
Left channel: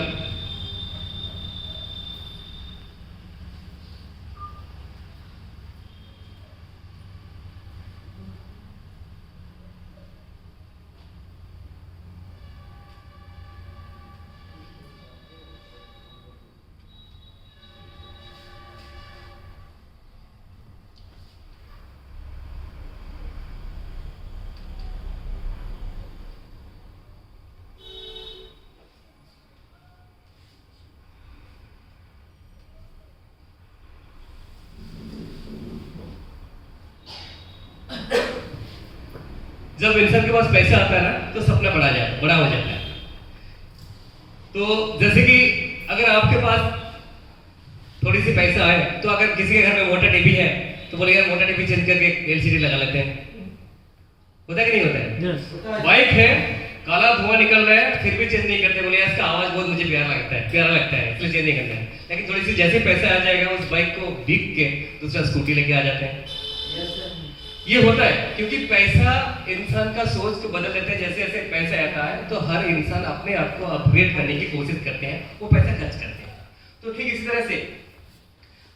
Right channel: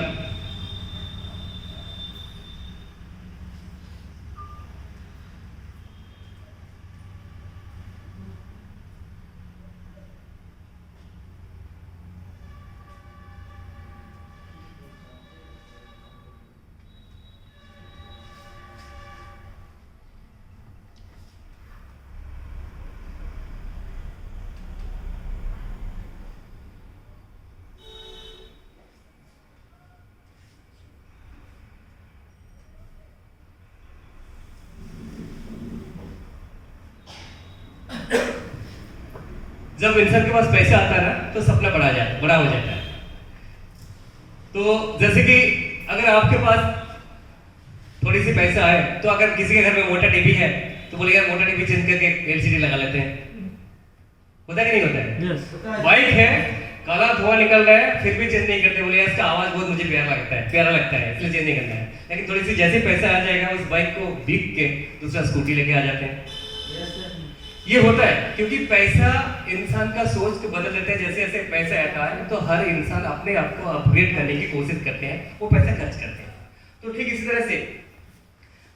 जब इंसान के पास पैसा आता है ना तो सपना बड़ा हो जाता है। तो जैसे कि अगर आपके पास थोड़ी सी पैसा है तो अगर किसी के घर में मोटा टीवी है तो बोले यार मोटा टीवी चेंज करके एलसीडी लगा लेते हैं, होता है कि नहीं होता है? बाइक है, काला धुआं निकल रहा है फिर भी चेंज नहीं करते, बोले इसका आवाज बहुत मुझे प्यारा लगता है इसलिए चेंज नहीं करना है। लेकिन थोड़ी सी जैसे पैसा आ जाएगा उस बाइक को बिक के दूसरा स्कूटी लेके आ जाते हैं। ये होता है क्योंकि पैसा इंसान का सोच को बदल देता है। जैसे जैसे पैसा आता है तो हर इंसान अपने आप को अपग्रेड करने की कोशिश करते हैं, वो पैसा खर्च करते हैं। तो ठीक इसी तरह से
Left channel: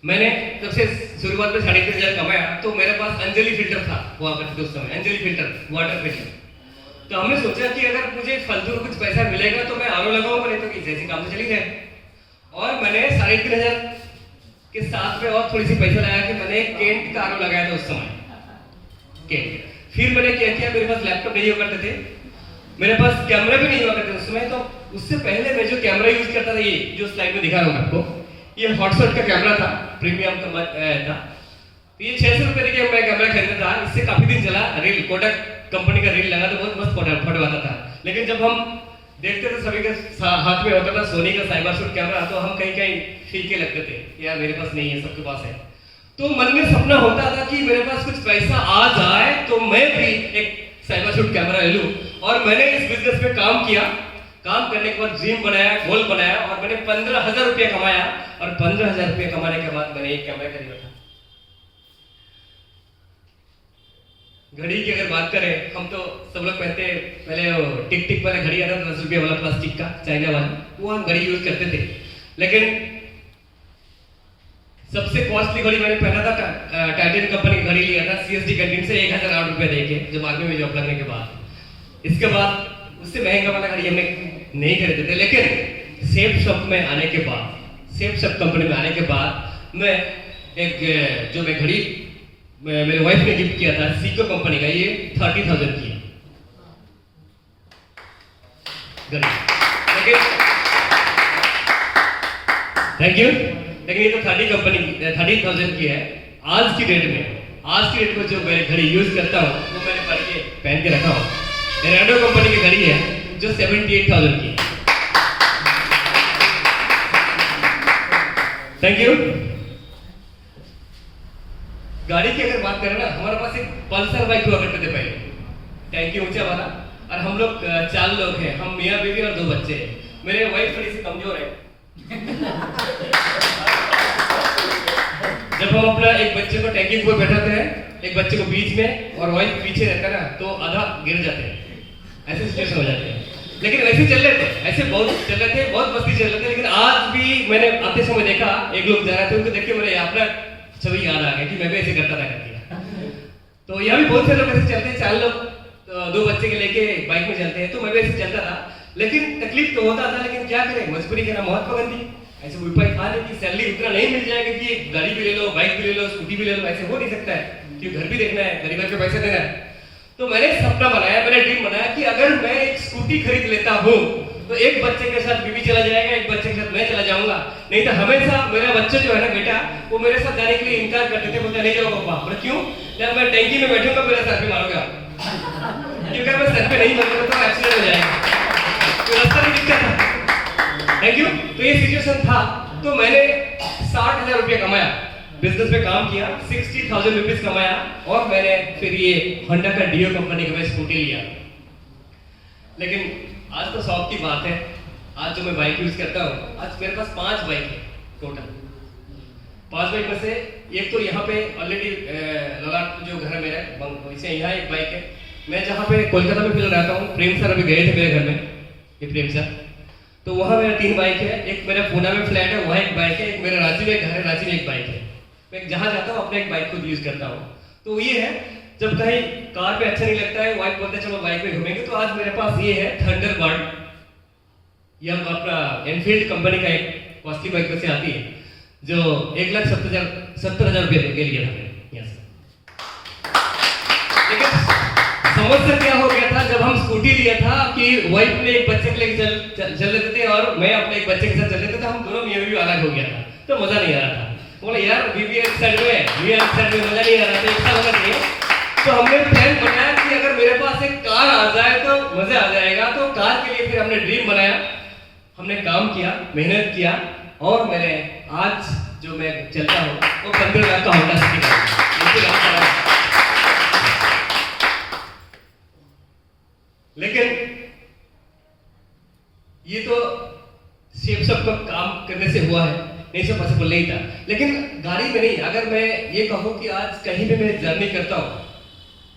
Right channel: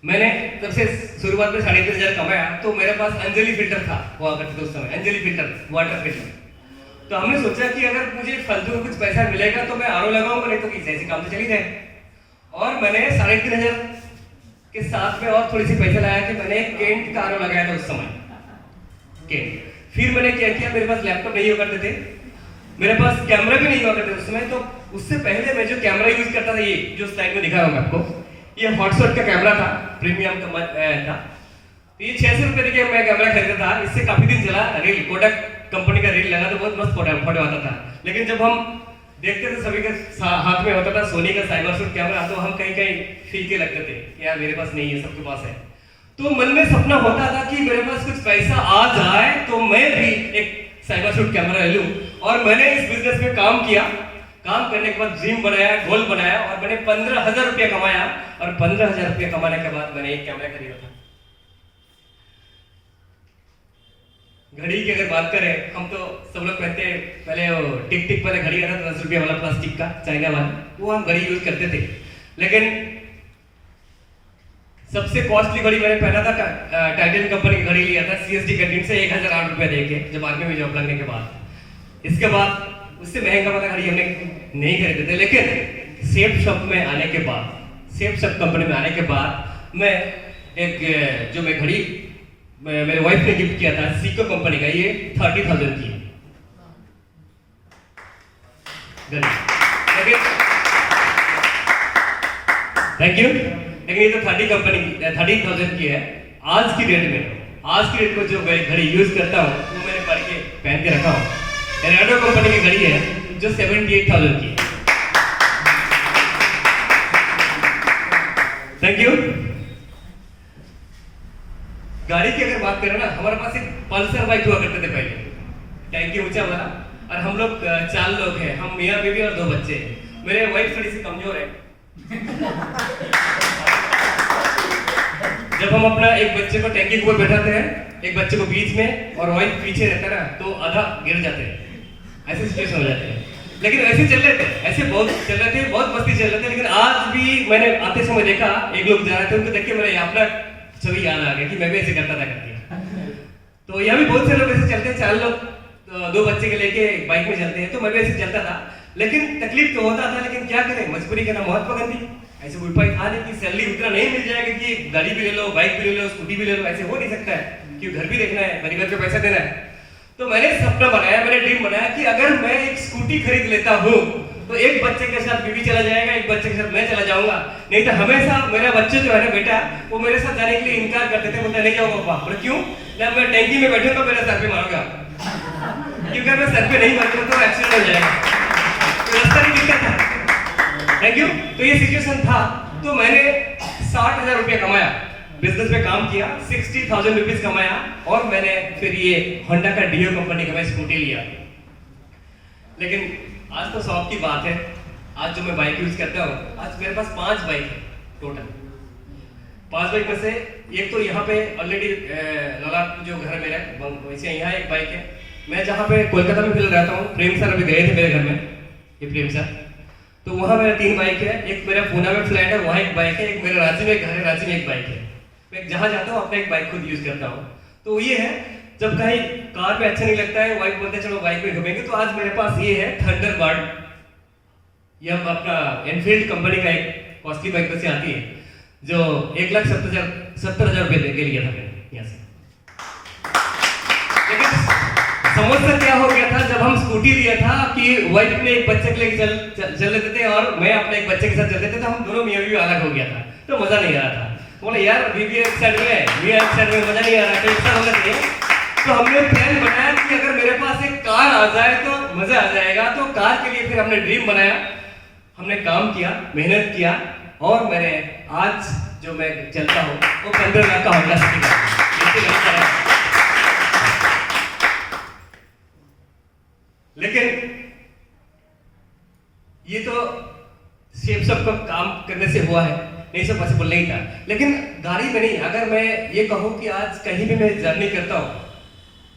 मैंने सबसे शुरुआत में 3,500 कमाया तो मेरे पास अंजलि फिल्टर था हुआ करते थे उस समय, अंजलि फिल्टर वाटर फिल्टर। तो हमने सोचा कि अगर मुझे फालतू कुछ पैसा मिलेगा तो मैं आरओ लगाऊंगा, नहीं तो कि जैसे काम से चली जाए। और मैंने 3,500 के साथ में और थोड़ी सी पैसा लगाया कि मैंने केंट का आरओ लगाया था उस समय, केंट। फिर मैंने क्या किया, मेरे पास लैपटॉप नहीं हुआ करते थे, मेरे पास कैमरा भी नहीं हुआ करते उस समय। तो उससे पहले मैं जो कैमरा यूज करता था, ये जो स्लाइड में दिखा रहा हूँ मैं आपको, ये हॉटशॉट का कैमरा था, प्रीमियम का था। तो ये 600 रुपए के मैं कैमरा खरीदा था, इससे काफी दिन चला। रील कोडक कंपनी का रील लगा तो बहुत मस्त फोटो आता था। लेकिन जब हम देखते थे सभी के हाथ में होता था सोनी का साइबर शूट कैमरा, तो हम कहीं कहीं फीके लगते थे, यार मेरे पास नहीं है, सबके पास है। तो मन में सपना होता था कि मेरे पास कुछ पैसा आ जाए तो मैं भी एक साइबर शूट कैमरा ले लूं। और मैंने इस बिजनेस में काम किया। काम करने के बाद ड्रीम बनाया, गोल बनाया, और मैंने 15,000 रुपया कमाया। और 15,000 रुपया कमाने के बाद मैंने एक कैमरा खरीदा था। घड़ी की अगर बात करें, हम तो सब लोग पहनते, पहले वो टिक टिक वाला घड़ी आता था 10 रुपये वाला प्लास्टिक का, चाइना वाला, वो हम घड़ी यूज करते थे। लेकिन सबसे कॉस्टली घड़ी मैंने पहना था टाइटन कंपनी की घड़ी लिया था CSD कैंटीन से 1,008 रुपये देके, जब आर्मी में जॉब लगने के बाद। इसके बाद उससे महंगा वाला घड़ी हमने नहीं खरीदे थे। लेकिन सेफ शॉप में आने के बाद, सेफ शॉप कंपनी में आने के बाद मैं एक जो मैं घड़ी मेरे वाइफ ने गिफ्ट किया था सीको कंपनी का, ये 30,000 की घड़ी। लेकिन थैंक यू, लेकिन ये तो 30,000 की है। आज की डेट में जो मैं घड़ी यूज करता हूँ वो मैंने पहन के रखा हूँ, रेडो कंपनी की घड़ी है जो 78,000 की है। Thank you. गाड़ी की अगर बात करें ना, हमारे पास एक पल्सर बाइक हुआ करते थे पहले, टैंकी ऊंचा वाला, और हम लोग 4 लोग हैं, हम मियाँ बीवी और 2 बच्चे हैं। मेरे वाइफ थोड़ी सी कमजोर है। जब हम अपना एक बच्चे को टैंकी के ऊपर बैठाते हैं, एक बच्चे को बीच में और वाइफ पीछे रहता है ना, तो आधा गिर जाते हैं, ऐसे सिचुएशन हो जाते हैं। लेकिन वैसे चल रहे थे, ऐसे बहुत चल रहे थे, बहुत मस्ती चल रहे थे। लेकिन आज भी मैंने आते समय देखा, एक लोग जा रहे थे, उनको देख के मेरे अपना छवि याद आ गया कि मैं भी ऐसे करता था करके। तो यहाँ भी बहुत से लोग ऐसे चलते हैं, 4 लोग 2 बच्चे के लेके बाइक में चलते हैं, तो मैं भी ऐसे चलता था। लेकिन तकलीफ तो होता था, लेकिन क्या करें, मजबूरी के ना महत्व गंदी, ऐसे कोई उपाय था नहीं कि सैलरी उतना नहीं मिल जाएगा कि गाड़ी भी ले लो, बाइक भी ले लो, स्कूटी भी ले लो, ऐसे हो नहीं सकता है, क्योंकि घर भी देखना है, परिवार को पैसा देना है। तो मैंने सपना बनाया, मैंने ड्रीम बनाया कि अगर मैं एक स्कूटी खरीद लेता हूँ तो एक बच्चे के साथ बीवी चला जाएगा, एक बच्चे के साथ मैं चला जाऊंगा। नहीं तो हमेशा मेरा बच्चा जो है ना बेटा, वो मेरे साथ जाने के लिए इनकार करते थे, बोलते नहीं जाओ पापा। बोले क्यों? जब मैं टैंकी में बैठूंगा मेरा सर पे मारोगे आप, क्योंकि मैं सर पे नहीं मारूंगा तो एक्सीडेंट हो जाएगा, तो रास्ता नहीं दिखता था। Thank you. तो ये सिचुएशन था, तो मैंने 60,000 रुपया कमाया, बिजनेस में काम किया, 60,000 रुपीज कमाया, और मैंने फिर ये होंडा का डियो कंपनी का मैं स्कूटी लिया। लेकिन आज तो शौक की बात है, आज जो मैं बाइक यूज करता हूँ, आज मेरे पास 5 बाइक है टोटल। 5 बाइक में से एक तो यहाँ पे ऑलरेडी ललाट जो घर मेरा वैसे यहाँ एक बाइक है। मैं जहाँ पे कोलकाता में फिलहाल रहता हूँ, प्रेम सर अभी गए थे मेरे घर में, ये प्रेम सर, तो वहाँ मेरा 3 बाइक है। एक मेरा पूना में फ्लैट है, वहाँ एक बाइक है। एक मेरा रांची में घर है, रांची में एक बाइक है। मैं जहाँ जाता हूँ अपना एक बाइक खुद यूज करता हूँ। तो ये है, जब कहीं कार पे अच्छा नहीं लगता है, वाइफ बोलते हैं चलो बाइक में घूमेंगे, तो आज मेरे पास ये है थंडरबर्ड, ये अपना एनफील्ड कंपनी का एक कॉस्टली बाइक में से आती है, जो 1,70,000 रुपये दे के लिया था मैंने यहाँ से। लेकिन समस्या क्या हो गया था, जब हम स्कूटी लिया था कि वाइफ ने एक बच्चे के लेके चल लेते थे और मैं अपने एक बच्चे के साथ चल लेते थे, हम दोनों मियाँ बीवी अलग हो गया था, तो मजा नहीं आ रहा था। बोला यार बीवी एक साइड में, मियाँ एक साइड में, मजा नहीं आ रहा था, ऐसा होना चाहिए। तो हमने प्लान बनाया कि अगर मेरे पास एक कार आ जाए तो मजा आ जाएगा। तो कार के लिए फिर हमने ड्रीम बनाया, हमने काम किया, मेहनत किया, और मैंने आज जो मैं चलता हूँ वो 15 लाख का होंडा सिटी का है। लेकिन ये तो शेप सब का काम करने से हुआ है, नहीं सब पॉसिबल नहीं था। लेकिन गाड़ी में नहीं, अगर मैं ये कहूँ कि आज कहीं भी मैं जर्नी करता हूँ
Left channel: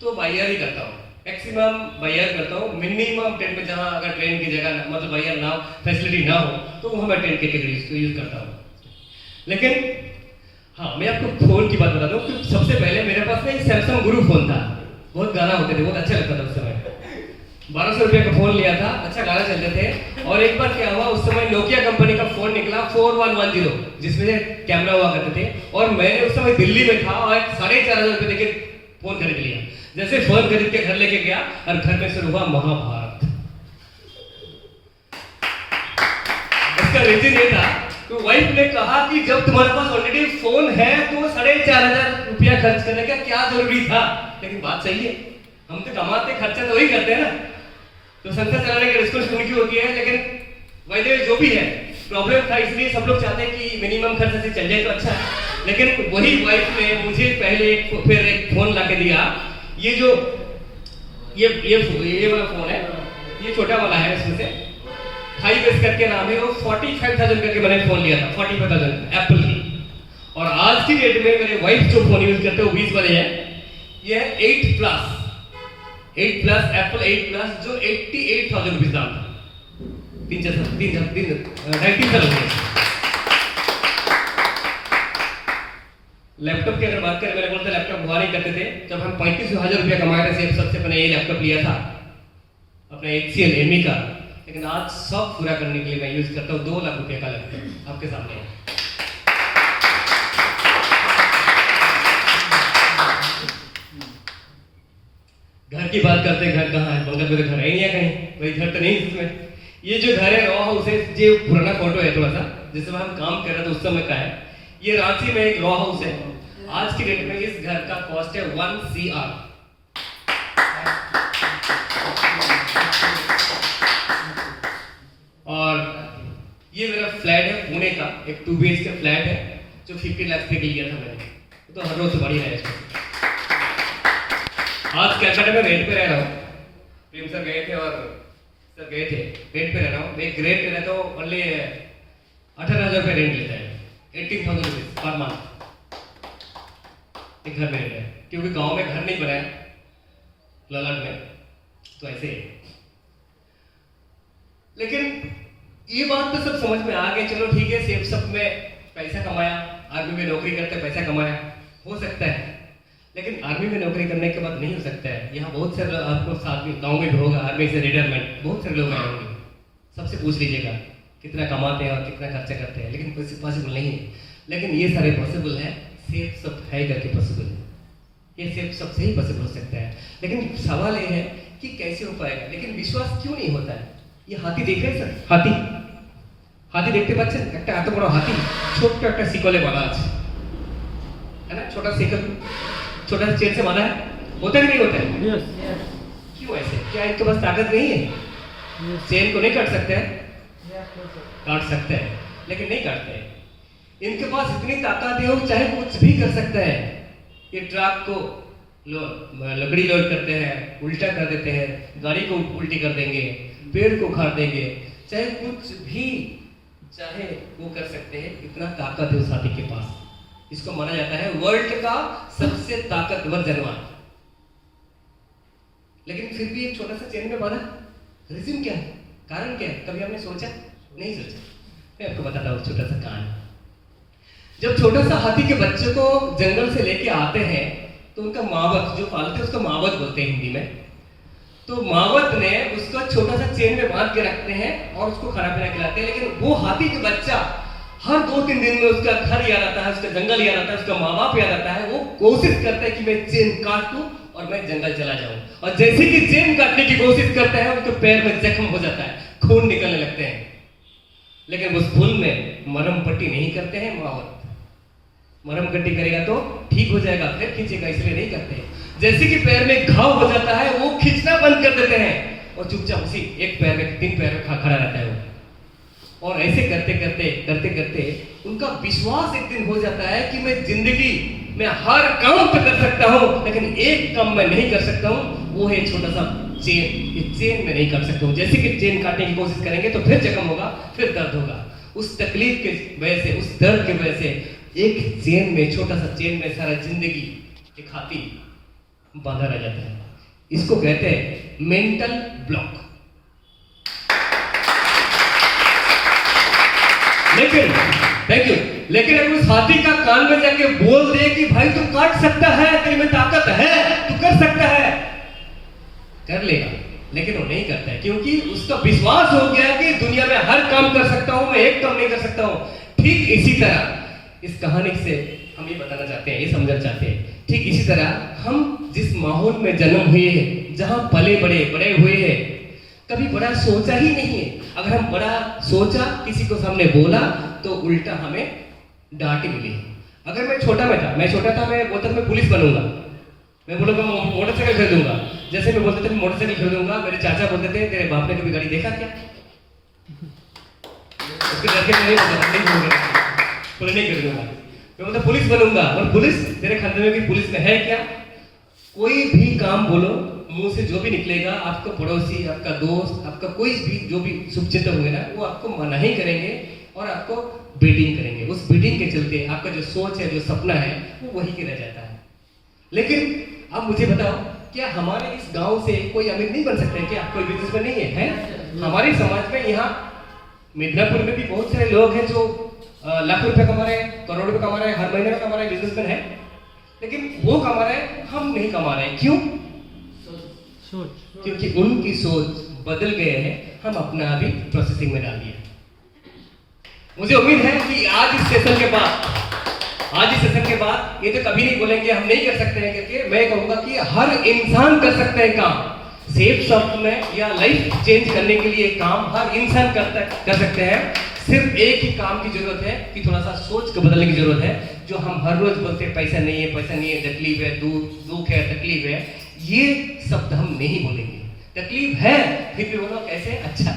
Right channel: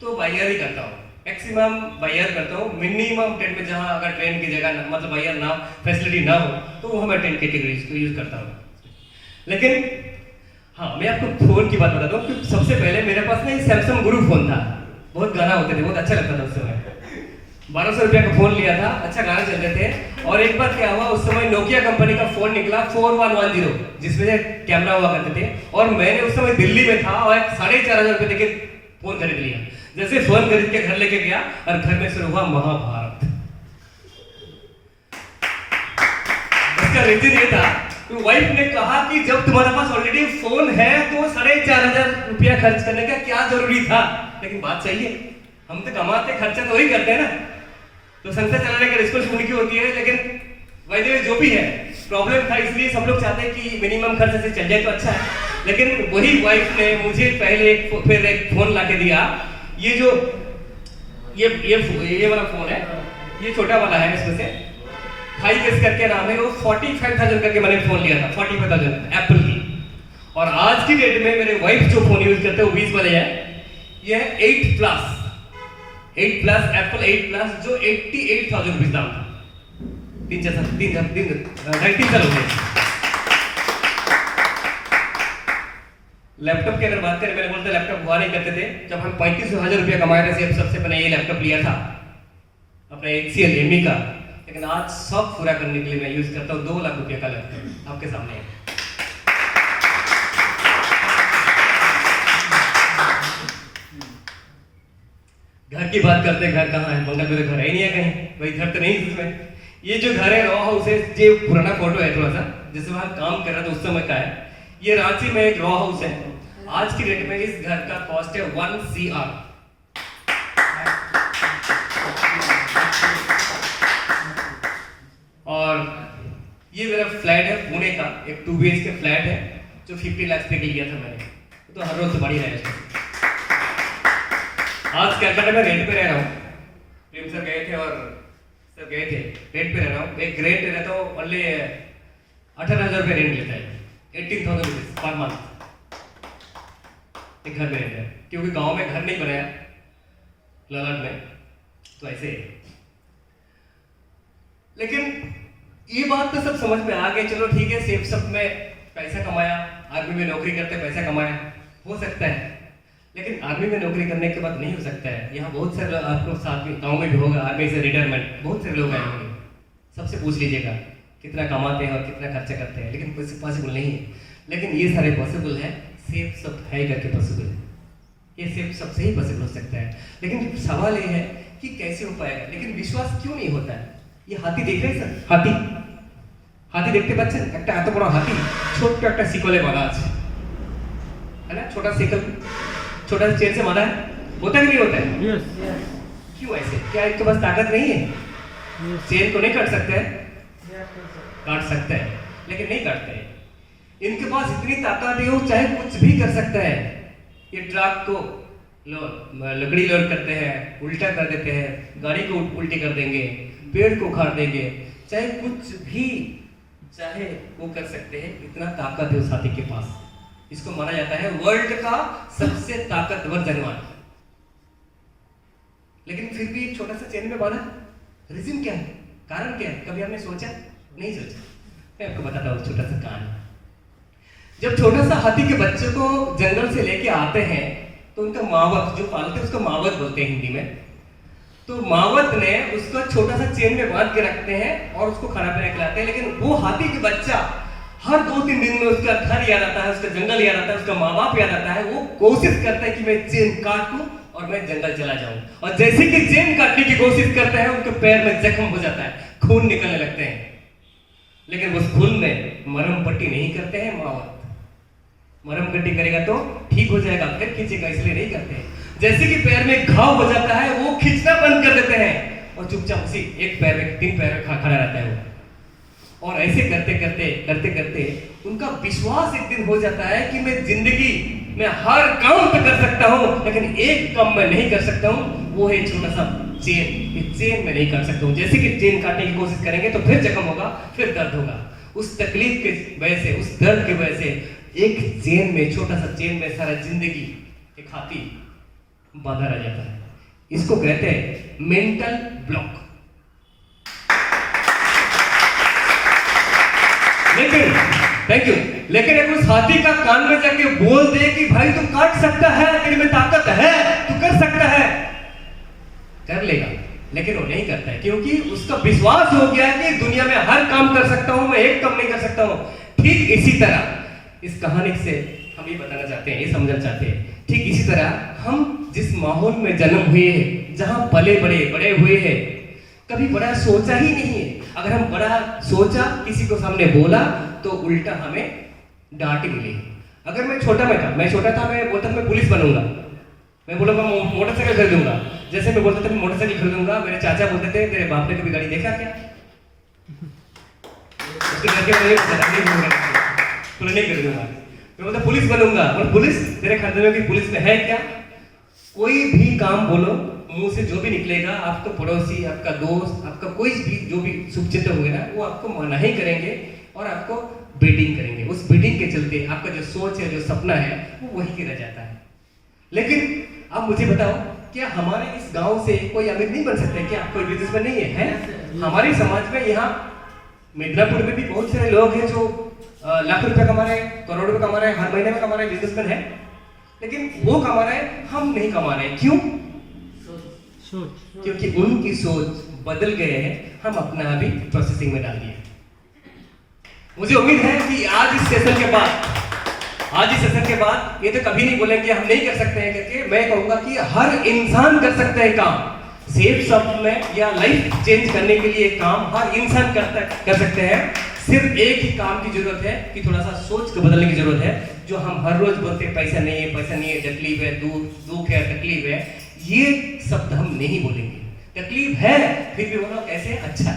तो बाई एयर ही करता हूँ, मैक्सिमम बाई एयर करता हूँ। मिनिमम ट्रेन में, जहाँ अगर ट्रेन की जगह मतलब बाई एयर ना हो, फैसिलिटी ना हो, तो वहाँ मैं ट्रेन कैटेगरीज को यूज करता हूँ। लेकिन हाँ, मैं आपको फोन की बात बता दूँ कि सबसे पहले मेरे पास ना एक सैमसंग गुरु फोन था, बहुत गाना होते थे, बहुत अच्छा लगता था उस समय। 1200 रुपये का फोन लिया था, अच्छा गाना चलते थे। और एक बार क्या हुआ, उस समय नोकिया कंपनी का फोन निकला 4110, जिसमें से कैमरा हुआ करते थे। और मैंने उस समय दिल्ली में था और 4500 रुपये देके फोन खरीद लिया। जैसे फोन खरीद के घर लेके गया और घर में शुरू हुआ महाभारत। उसका रीजन ये था कि वाइफ ने कहा कि जब तुम्हारे पास ऑलरेडी फोन है तो 4500 रुपया खर्च करने का क्या जरूरी था। लेकिन बात सही है, हम तो कमाते खर्चा तो वही करते हैं ना, तो संस्था चलाने की रिस्पॉन्सिबिलिटी उनकी होती है। लेकिन वैसे जो भी है प्रॉब्लम था, इसलिए सब लोग चाहते हैं कि मिनिमम खर्च से चल जाए तो अच्छा है। लेकिन वही वाइफ ने मुझे पहले फिर एक फोन ला के दिया। ये जो ये वाला फोन है, ये छोटा वाला है, इसमें से 5S करके नाम है, वो 45,000 करके मैंने फोन लिया था, 45,000 एप्पल की। और आज की डेट में मेरे वाइफ जो फोन यूज करते हैं वो 20 वाले हैं। ये है 8 प्लस एप्पल 8 प्लस, जो 88,000 रुपीज दाम था। 19 साल हो गए। लैपटॉप की अगर बात करें, मैंने बोलते लैपटॉप हुआ नहीं करते थे। जब हम 35,000 रुपया कमाए थे, सबसे पहले ये लैपटॉप लिया था अपने HCL एमी का। लेकिन आज सब पूरा करने के लिए मैं यूज करता हूँ 2 लाख रुपये का लैपटॉप, आपके सामने है। घर की बात करते हैं, घर कहाँ है? बंगल में तो घर है ही नहीं है कहीं, भाई घर तो नहीं इसमें। ये जो घर है रॉ हाउस है, ये पुराना फोटो है थोड़ा सा, जिसमें हम काम कर रहे थे उस समय का है। ये रांची में एक रॉ हाउस है। आज की डेट में इस घर का कॉस्ट है 1 CR। और ये मेरा फ्लैट है पुणे का, एक 2 BHK फ्लैट है जो 50 लाख पे लिया था मैंने। तो हर रोज बढ़ी रहा है इसमें। आज कलकत्ता में रेंट पे रह रहा हूँ। प्रेम सर गए थे और सर गए थे, रेंट पे रह रहा हूँ। एक रेंट रहता है तो ओनली 18,000 रुपये रेंट लेता है, 18,000 रुपीज पर मंथ एक घर में रहता है। क्योंकि गांव में घर नहीं बनाया ललाट में, तो ऐसे है। लेकिन ये बात तो सब समझ में आ गई, चलो ठीक है, सेफ सब में पैसा कमाया, आर्मी में नौकरी करते पैसा कमाया, हो सकता है। लेकिन आर्मी में नौकरी करने के बाद नहीं हो सकता है। यहाँ बहुत सारे आपको साथ में गाँव में भी होगा, आर्मी से रिटायरमेंट बहुत सारे लोग आए होंगे, सबसे पूछ लीजिएगा कितना कमाते हैं और कितना खर्चा करते हैं। लेकिन कोई पॉसिबल नहीं है। लेकिन ये सारे पॉसिबल है, सेफ सब है करके पॉसिबल है। ये सेफ सब से ही पॉसिबल हो सकता है। लेकिन सवाल ये है कि कैसे हो पाएगा। लेकिन विश्वास क्यों नहीं होता है? ये हाथी देख रहे हैं सर, हाथी देखते बच्चे, একটা এত বড় হাতি, ছোট্ট একটা শিকলে বাঁধা আছে, है ना? छोटा शिकल, छोटा चेन से बांधा है, होता कि नहीं होता है? यस। क्यों ऐसे? क्या इनके पास ताकत नहीं है? चेन को नहीं काट सकते हैं? काट सकते हैं, लेकिन नहीं काटते हैं। इनके पास इतनी ताकत है, वो चाहे कुछ भी कर सकता है। ये ट्रक को लकड़ी लोड करते हैं, उल्टा कर देते हैं, गाड़ी को उल्टी कर देंगे, पेड़ को उखाड़ देंगे, चाहे कुछ भी चाहे वो कर सकते हैं। इतना ताकत है उस हाथी के पास। इसको माना जाता है वर्ल्ड का सबसे ताकतवर जानवर। लेकिन फिर भी एक छोटा सा चेन में बांधा, रीजन क्या है? कारण क्या है? कभी आपने सोचा? नहीं सोचा। मैं आपको बताता हूँ छोटा सा कहानी। जब छोटा सा हाथी के बच्चे को जंगल से लेके आते हैं तो उनका मावत जो पालते हैं उसको मावत बोलते हैं हिंदी में। तो मावत ने उसको छोटा सा चेन में बांध के रखते हैं और उसको खाना पीना खिलाते हैं। लेकिन वो हाथी के बच्चा हर 2-3 दिन में उसका घर याद आता है, उसका जंगल याद आता है, उसका माँ बाप याद आता है। वो कोशिश करता है कि मैं चेन काट लूं और मैं जंगल चला जाऊं। और जैसे कि चेन काटने की कोशिश करता है, उनके पैर में जख्म हो जाता है, खून निकलने लगते हैं। लेकिन उस भूल में मरहम पट्टी नहीं करते हैं मावत। मरहम पट्टी करेगा तो ठीक हो जाएगा, फिर खींचेगा, इसलिए नहीं करते। जैसे कि पैर में घाव हो जाता है, वो खींचना बंद कर देते हैं और चुपचाप उसी एक पैर में 3 पैर में खड़ा रहता है वो। और ऐसे करते करते उनका विश्वास एक दिन हो जाता है कि मैं जिंदगी में हर काम तो कर सकता हूँ, लेकिन एक काम मैं नहीं कर सकता हूँ, वो है छोटा सा चेन। ये चेन मैं नहीं काट सकता हूँ। जैसे कि चेन काटने की कोशिश करेंगे तो फिर जख्म होगा, फिर दर्द होगा। उस तकलीफ के वजह से, उस दर्द की वजह से एक चेन में, छोटा सा चेन में सारा जिंदगी एक हाथी बांधा रह जाता है। इसको कहते हैं मेंटल ब्लॉक। लेकिन थैंक यू, लेकिन अगर उस हाथी का कान में जाके बोल दे कि भाई तू काट सकता है, तेरे में ताकत है, तू कर सकता है, कर लेगा। लेकिन वो नहीं करता है क्योंकि उसका विश्वास हो गया है कि दुनिया में हर काम कर सकता हूं, मैं एक काम नहीं कर सकता हूं। ठीक इसी तरह इस कहानी से हम ये बताना चाहते हैं, ये समझना चाहते हैं, ठीक इसी तरह हम जिस माहौल में जन्म हुए हैं, जहां पले बड़े हुए हैं, कभी बड़ा सोचा ही नहीं है। अगर हम बड़ा सोचा, किसी को सामने बोला तो उल्टा हमें डांट मिली। अगर मैं छोटा था, मैं बोलता था मैं पुलिस बनूंगा, मैं बोलूंगा मोटरसाइकिल खरीदूंगा। जैसे मैं बोलता था मैं मोटरसाइकिल खरीदूंगा, मेरे चाचा बोलते थे तेरे बाप ने कभी गाड़ी देखा क्या? उसके घर के नहीं खरीदूंगा। मैं बोलता पुलिस बनूंगा, और पुलिस तेरे खानदान की पुलिस में है क्या? कोई भी काम बोलो, मुंह से जो भी निकलेगा, आपका पड़ोसी, आपका दोस्त, आपका कोई भी जो भी शुभचिंतक होंगे ना, वो आपको मना ही करेंगे और आपको बेटिंग करेंगे। उस बेटिंग के चलते आपका जो सोच है, जो सपना है, वो वही गिर जाता है। लेकिन अब मुझे बताओ, क्या हमारे इस गांव से कोई अमीर नहीं बन सकता है क्या? कोई बिजनेसमैन नहीं है, है? हमारे समाज में यहाँ मिदनापुर में भी बहुत सारे लोग हैं जो लाख रुपए कमा रहे हैं, करोड़ रुपए कमा रहे हैं, हर महीने में कमा रहे हैं, बिजनेसमैन है। लेकिन वो कमा रहे हैं, हम नहीं कमा रहे हैं। क्यों? क्योंकि उनकी सोच बदल गए हैं, हम अपना अभी प्रोसेसिंग में डाल दिया। मुझे उम्मीद है कि आज इस सेशन के बाद ये तो कभी नहीं बोलेंगे हम नहीं कर सकते हैं करके। मैं कहूंगा कि हर इंसान कर सकता है काम। सेफ शॉप में या लाइफ चेंज करने के लिए काम हर इंसान कर सकते हैं। सिर्फ एक ही काम की जरूरत है कि थोड़ा सा सोच को बदलने की जरूरत है। जो हम हर रोज बोलते हैं पैसा नहीं है, तकलीफ है, दुख है, तकलीफ है, ये शब्द हम नहीं बोलेंगे। तकलीफ है फिर भी बोलो कैसे? अच्छा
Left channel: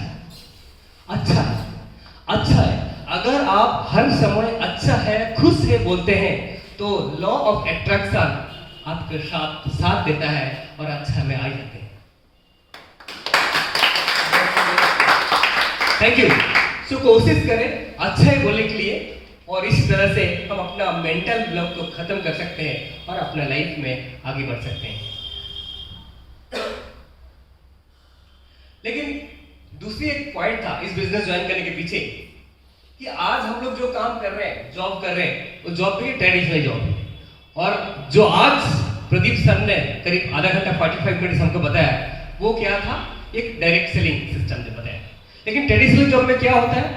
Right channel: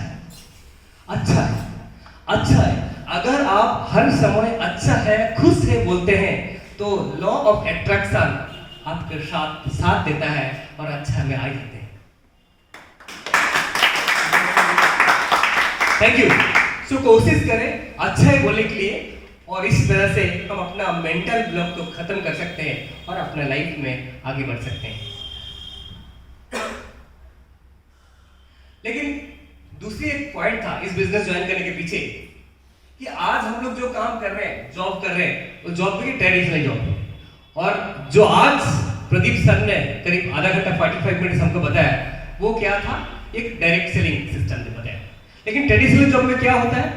है। अगर आप हर समय अच्छा है, खुश है बोलते हैं तो लॉ ऑफ अट्रैक्शन आपके साथ देता है और अच्छा में आ जाते हैं। Thank you. सो कोशिश करें अच्छा है बोलने के लिए, और इस तरह से हम अपना मेंटल ब्लॉक को खत्म कर सकते हैं और अपना लाइफ में आगे बढ़ सकते हैं। लेकिन दूसरी एक पॉइंट था इस बिजनेस ज्वाइन करने के पीछे कि आज हम लोग जो काम कर रहे हैं, जॉब कर रहे हैं, वो जॉब भी ट्रेडिशनल जॉब है। और जो आज प्रदीप सर ने करीब आधा घंटा 45 मिनट हमको बताया, वो क्या था? एक डायरेक्ट सेलिंग सिस्टम ने बताया। लेकिन ट्रेडिशनल जॉब में क्या होता है?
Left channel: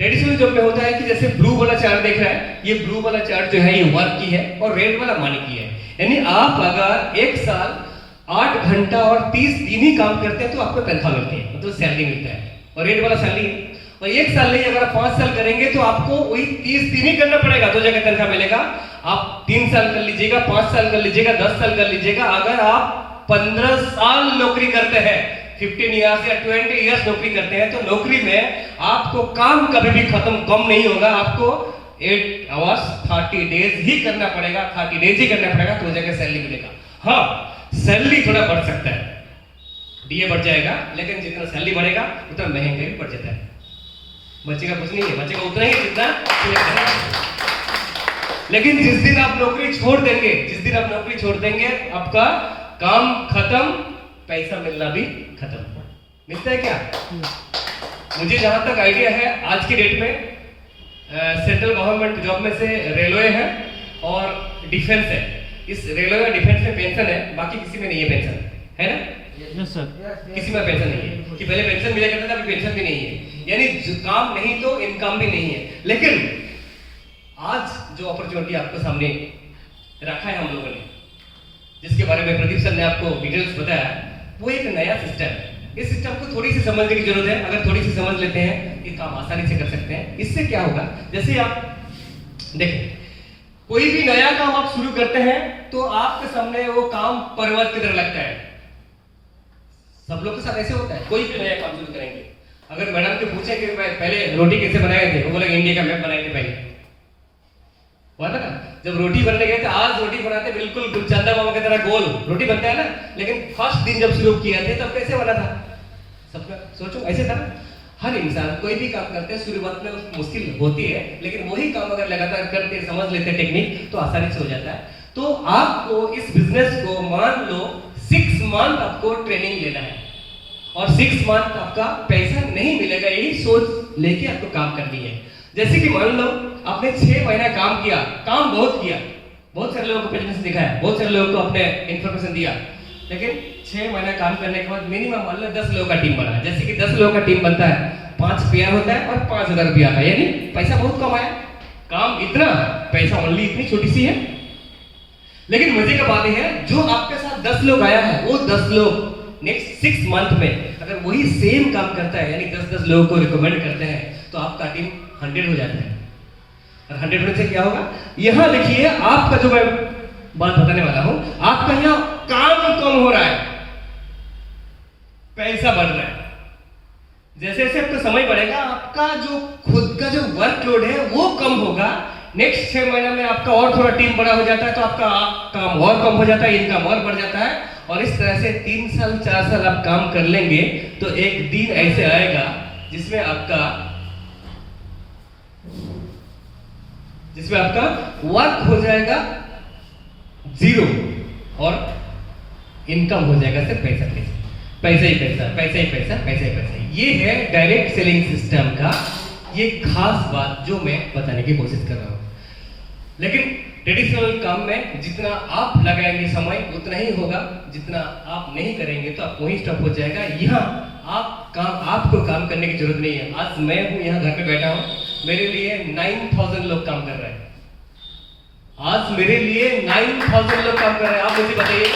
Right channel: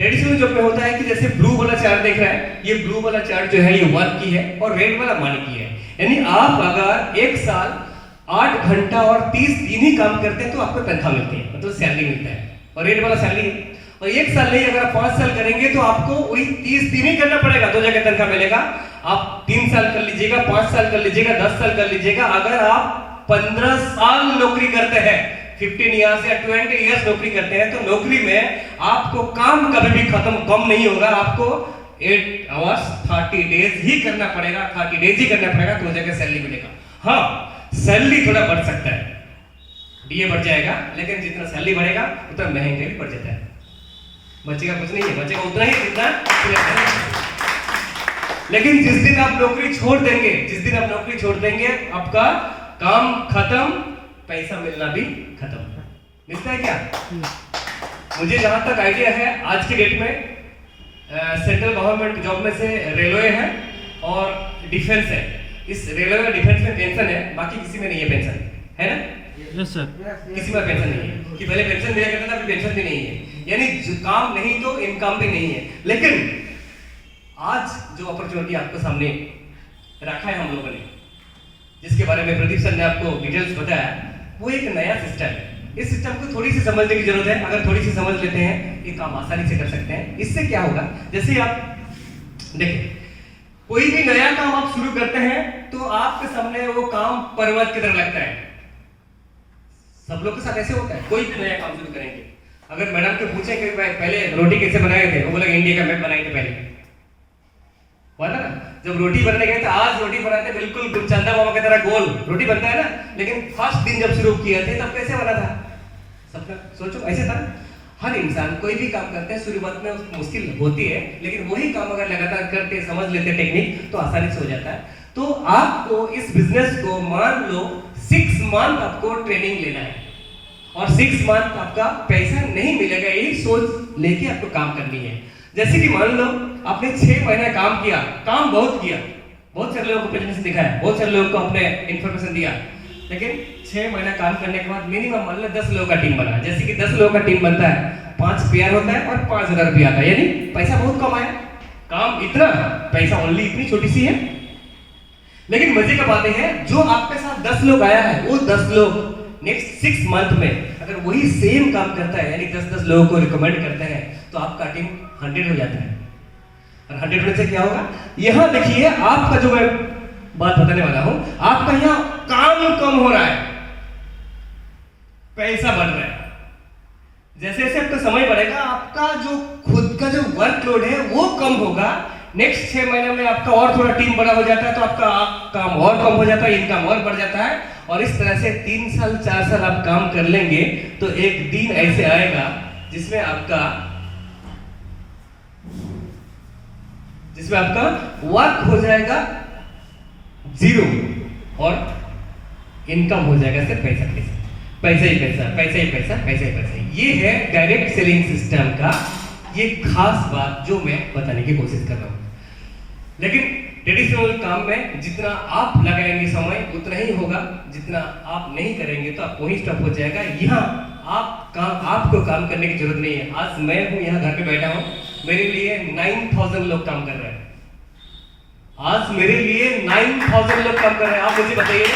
ट्रेडिशनल जॉब में होता है कि जैसे ब्लू वाला चार्ट देख रहा है, ये ब्लू वाला चार्ट जो है ये वर्क की है और रेड वाला मनी की है। यानी आप अगर एक साल 8 घंटा और 30 दिन ही काम करते हैं तो आपको तनख्वाह मिलती है, मतलब सैलरी मिलता है, और रेड वाला सैलरी। और एक साल नहीं, अगर आप 5 साल करेंगे तो आपको वही 30 दिन ही करना पड़ेगा, तो जगह तनख्वाह मिलेगा। आप 3 साल कर लीजिएगा, 5 साल कर लीजिएगा, 10 साल कर लीजिएगा। अगर आप 15 साल नौकरी करते हैं, 15 इयर्स या 20 इयर्स नौकरी करते हैं, तो नौकरी में आपको काम कभी भी कम नहीं होगा। आपको 8 आवर्स 30 डेज ही करना पड़ेगा, 30 डेज ही करना पड़ेगा, तो जगह सैलरी मिलेगा। हाँ, सैलरी थोड़ा बढ़ सकता है, डीए बढ़ जाएगा, लेकिन जितना सैलरी बढ़ेगा उतना महंगाई बढ़ जाता है। बचेगा कुछ नहीं है, बचेगा उतना ही जितना। लेकिन जिस दिन आप नौकरी छोड़ देंगे, आपका काम खत्म, पैसा मिलना भी खत्म। मिलता है क्या? मुझे जहां तक आइडिया है, आज की डेट में सेंट्रल गवर्नमेंट जॉब में से रेलवे है और डिफेंस है। इस रेलवे और डिफेंस में पेंशन है, बाकी किसी में नहीं है पेंशन, है ना? Yes sir. किसी में पेंशन नहीं है। कि पहले पेंशन मिला करता था, अभी पेंशन भी नहीं है। यानी काम नहीं तो इनकम भी नहीं है। लेकिन आज जो अपॉर्चुनिटी आपके सामने रखा है हम लोगों ने, जिसके बारे में प्रदीप सर ने आपको डिटेल्स बताया, वो एक नया सिस्टम है। इस सिस्टम को थोड़ी सी समझने की जरूरत है। अगर थोड़ी सी समझ लेते हैं, ये काम आसानी से कर सकते हैं। इससे क्या होगा, जैसे आप देखिए, कोई भी नया काम आप शुरू करते हैं तो आपके सामने वो काम पर्वत की तरह लगता है। सब लोग के साथ ऐसे होता है। कोई भी नया काम शुरू करेंगे, अगर मैडम को पूछे कि पहले रोटी कैसे बनाए थे, वो बोलेगा इंडिया का मैप बनाए थे पहले, बोला ना। जब रोटी बनने गए थे, आज रोटी बनाते बिल्कुल चंदा मामा की तरह गोल रोटी बनता है ना, लेकिन फर्स्ट दिन जब शुरू किया थे तब कैसे बना था? सबका सोचो, ऐसे था ना। हर इंसान कोई भी काम करते हैं, शुरुआत में मुश्किल होती है, लेकिन वही काम अगर लगातार करते, समझ लेते टेक्निक, तो आसानी से हो जाता है। तो आपको इस बिजनेस को मान लो 6 मंथ आपको ट्रेनिंग लेना है, और 6 मंथ आपका पैसा नहीं मिलेगा, यही सोच लेके आपको काम करनी है। जैसे कि मान लो आपने 6 महीने काम किया, काम बहुत किया, बहुत सारे लोगों को प्रेजेंटेशन दिखाया, बहुत सारे लोगों को आपने इंफॉर्मेशन दिया, लेकिन 6 महीना काम करने के बाद मिनिमम मान लो 10 लोगों का टीम बना। जैसे कि 10 लोगों का टीम बनता है, 5 पेयर होता है और 5,000 रुपया आता है, यानी पैसा बहुत कम आया। काम इतना, पैसा ओनली इतनी छोटी सी है। लेकिन मजे का बात है, जो आपके साथ 10 लोग आया है, वो 10 लोग नेक्स्ट 6 मंथ में अगर वही सेम काम करता है, यानी 10-10 लोगों को रिकमेंड करते हैं, तो आपका टीम 100 हो जाता है। और 100 होने से क्या होगा, यहाँ देखिए आपका जो मैं बात बताने वाला हूं, आपका यहाँ काम कम हो रहा है, पैसा बढ़ रहा है। जैसे जैसे आपका समय बढ़ेगा, आपका जो खुद का जो वर्कलोड है वो कम होगा। नेक्स्ट 6 महीना में आपका और थोड़ा टीम बड़ा हो जाता है, तो आपका काम और कम हो जाता है, इनकम और बढ़ जाता है। और इस तरह से 3 साल 4 साल आप काम कर लेंगे, तो एक दिन ऐसे आएगा जिसमें आपका वर्क हो जाएगा 0 और इनकम हो जाएगा सिर्फ पैसा ही पैसा। ये है डायरेक्ट सेलिंग सिस्टम का ये खास बात जो मैं बताने की कोशिश कर रहा हूं। लेकिन ट्रेडिशनल काम में जितना आप लगाएंगे समय उतना ही होगा, जितना आप नहीं करेंगे तो आप वहीं स्टॉप हो जाएगा। यहाँ आपको काम करने की जरूरत नहीं है। आज मैं हूँ यहाँ घर पे बैठा हूँ, मेरे लिए 9,000 लोग काम कर रहे हैं। आज मेरे लिए 9,000 लोग काम कर रहे हैं। आप मुझे बताइए,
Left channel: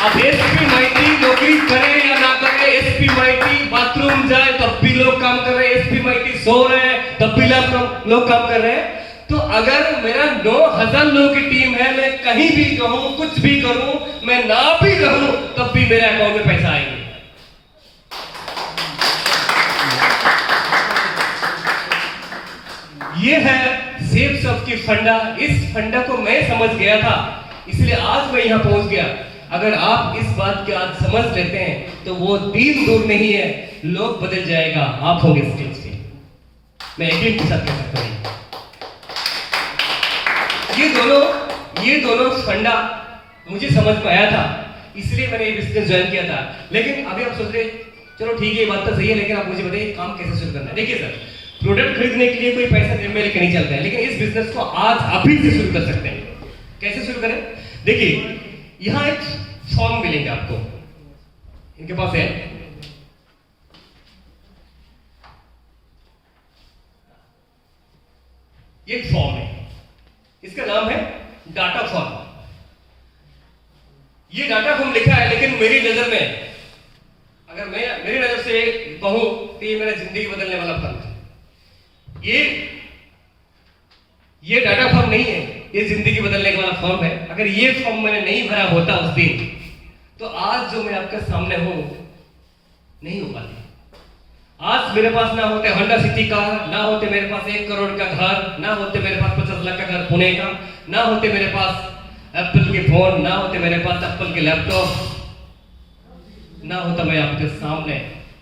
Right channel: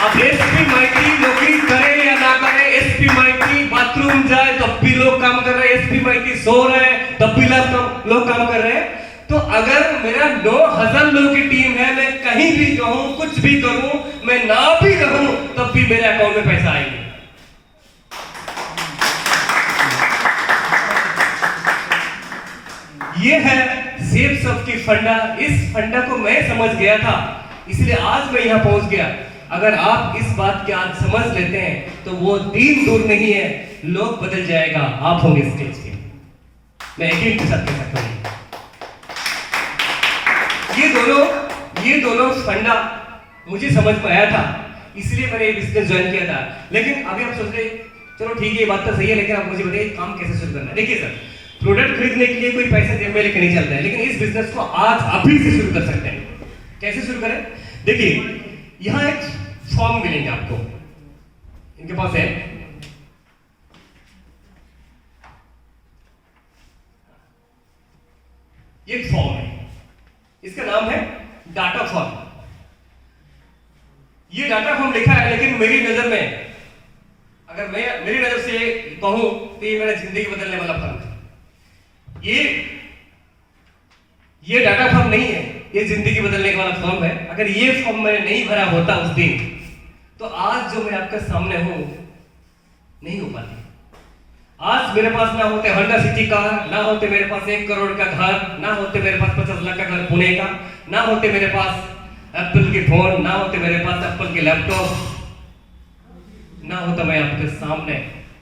आप एसपी माइटी नौकरी करें या ना करें, एसपी माइटी बाथरूम जाए तब भी लोग काम कर रहे हैं, एसपी माइटी सो रहे हैं तब भी लोग काम कर रहे हैं। तो अगर मेरा 9,000 लोगों की टीम है, मैं कहीं भी रहूं, कुछ भी करूं, मैं ना भी रहूं, तब भी मेरे अकाउंट में पैसा आएगा। ये है सेफ सब की फंडा। इस फंडा को मैं समझ गया था, इसलिए आज मैं यहां पहुंच गया। अगर आप इस बात के आज समझ लेते हैं तो वो दिन दूर नहीं है, लोग बदल जाएगा, आप होंगे स्टेज पे। मैं यकीन के साथ कह सकता हूं, ये दोनों फंडा मुझे समझ में आया था, इसलिए मैंने ये बिजनेस ज्वाइन किया था। लेकिन अभी आप सोच रहे, चलो ठीक है ये बात तो सही है, लेकिन आप मुझे बताइए काम कैसे शुरू करना है। देखिए सर, प्रोडक्ट खरीदने के लिए कोई पैसा जेब में लेके नहीं चलता है, लेकिन इस बिजनेस को आज अभी से शुरू कर सकते हैं। कैसे शुरू करें? देखिए यहाँ एक फॉर्म मिलेंगे आपको, इनके पास है, ये फॉर्म है, इसका नाम है डाटा फॉर्म। ये डाटा फॉर्म लिखा है, लेकिन मेरी नजर में, अगर मैं मेरी नजर से कहूं तो ये मेरा जिंदगी बदलने वाला फॉर्म है। ये डाटा फॉर्म नहीं है, ये जिंदगी बदलने वाला फॉर्म है। अगर ये फॉर्म मैंने नहीं भरा होता उस दिन, तो आज जो मैं आपके सामने हूं नहीं हो पाती। आज मेरे पास ना होते होंडा सिटी का, ना होते मेरे पास 1 करोड़ का घर, ना होते मेरे पास 50 लाख का घर पुणे का, ना होते मेरे पास एप्पल के फोन, ना होते मेरे पास एप्पल के लैपटॉप, ना होता मैं आपके सामने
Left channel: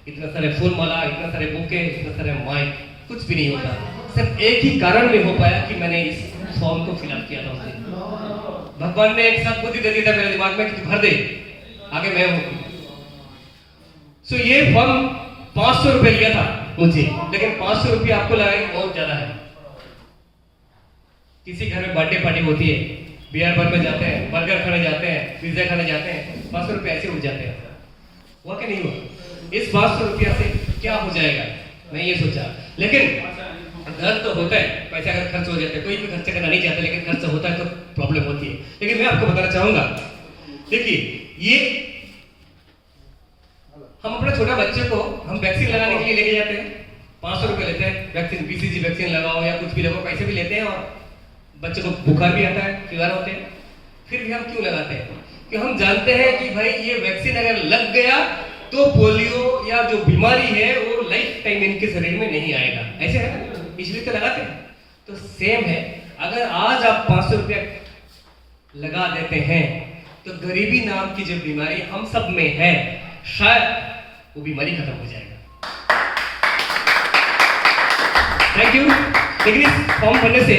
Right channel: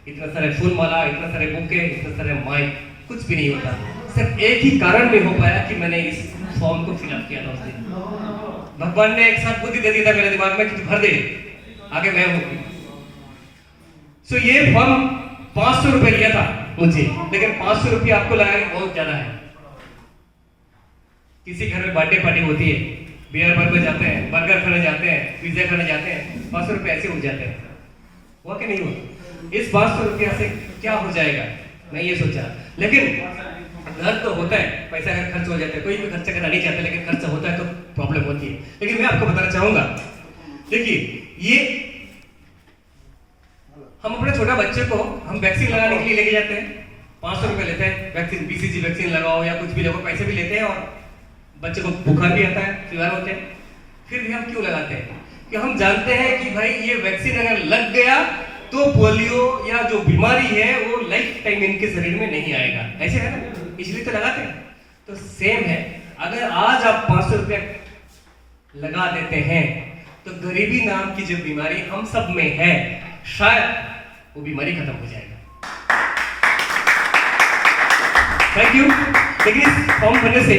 इतने सारे फूल माला, इतने सारे बुके, इतने सारे माइक, कुछ भी नहीं होता। सिर्फ एक ही कारण में हो पाया कि मैंने इस फॉर्म को फिलअप किया था उस दिन। भगवान ने एक साथ बुद्धि दे दिया था मेरे दिमाग में कि तू भर दे, आगे मैं हूं। सो ये फॉर्म 500 रुपए लिया था मुझे, लेकिन 500 रुपये आपको लगा कि बहुत ज्यादा है। किसी घर में बर्थडे पार्टी होती है, बियर बार में जाते हैं, बर्गर खाने जाते हैं, पिज्जा खाने जाते हैं, 500 रुपये ऐसे उठ जाते हैं। हुआ कि नहीं हुआ? इस 500 रुपया से क्या हो जाएगा, मैं ये सोचा। लेकिन घर तो होता है, पैसा अगर खर्च हो जाता है, कोई भी खर्चा करना नहीं चाहता, लेकिन खर्च होता है तो प्रॉब्लम होती है। लेकिन मैं आपको बताना चाहूंगा, देखिए ये हम अपने छोटा बच्चे को हम वैक्सीन लगाने के लिए लेके जाते हैं, 500 रुपए लेते हैं, वैक्सीन BCG वैक्सीन लगाओ या कुछ भी लगाओ, पैसे भी लेते हैं, और बच्चे को बुखार भी आता है, फीवर होते हैं। फिर भी हम क्यों लगाते हैं? कि हम जानते हैं कि भाई ये वैक्सीन अगर लग गया तो पोलियो या जो बीमारी है वो लाइफ टाइम इनके शरीर में नहीं आएगा, ऐसे है ना, इसलिए तो लगाते हैं। तो सेम है, अगर आज आप 500 रुपया लगा देते हैं तो गरीबी नाम की जो बीमारी हम सब में है, शायद वो बीमारी खत्म हो जाएगा। Thank you. लेकिन इस फॉर्म भरने से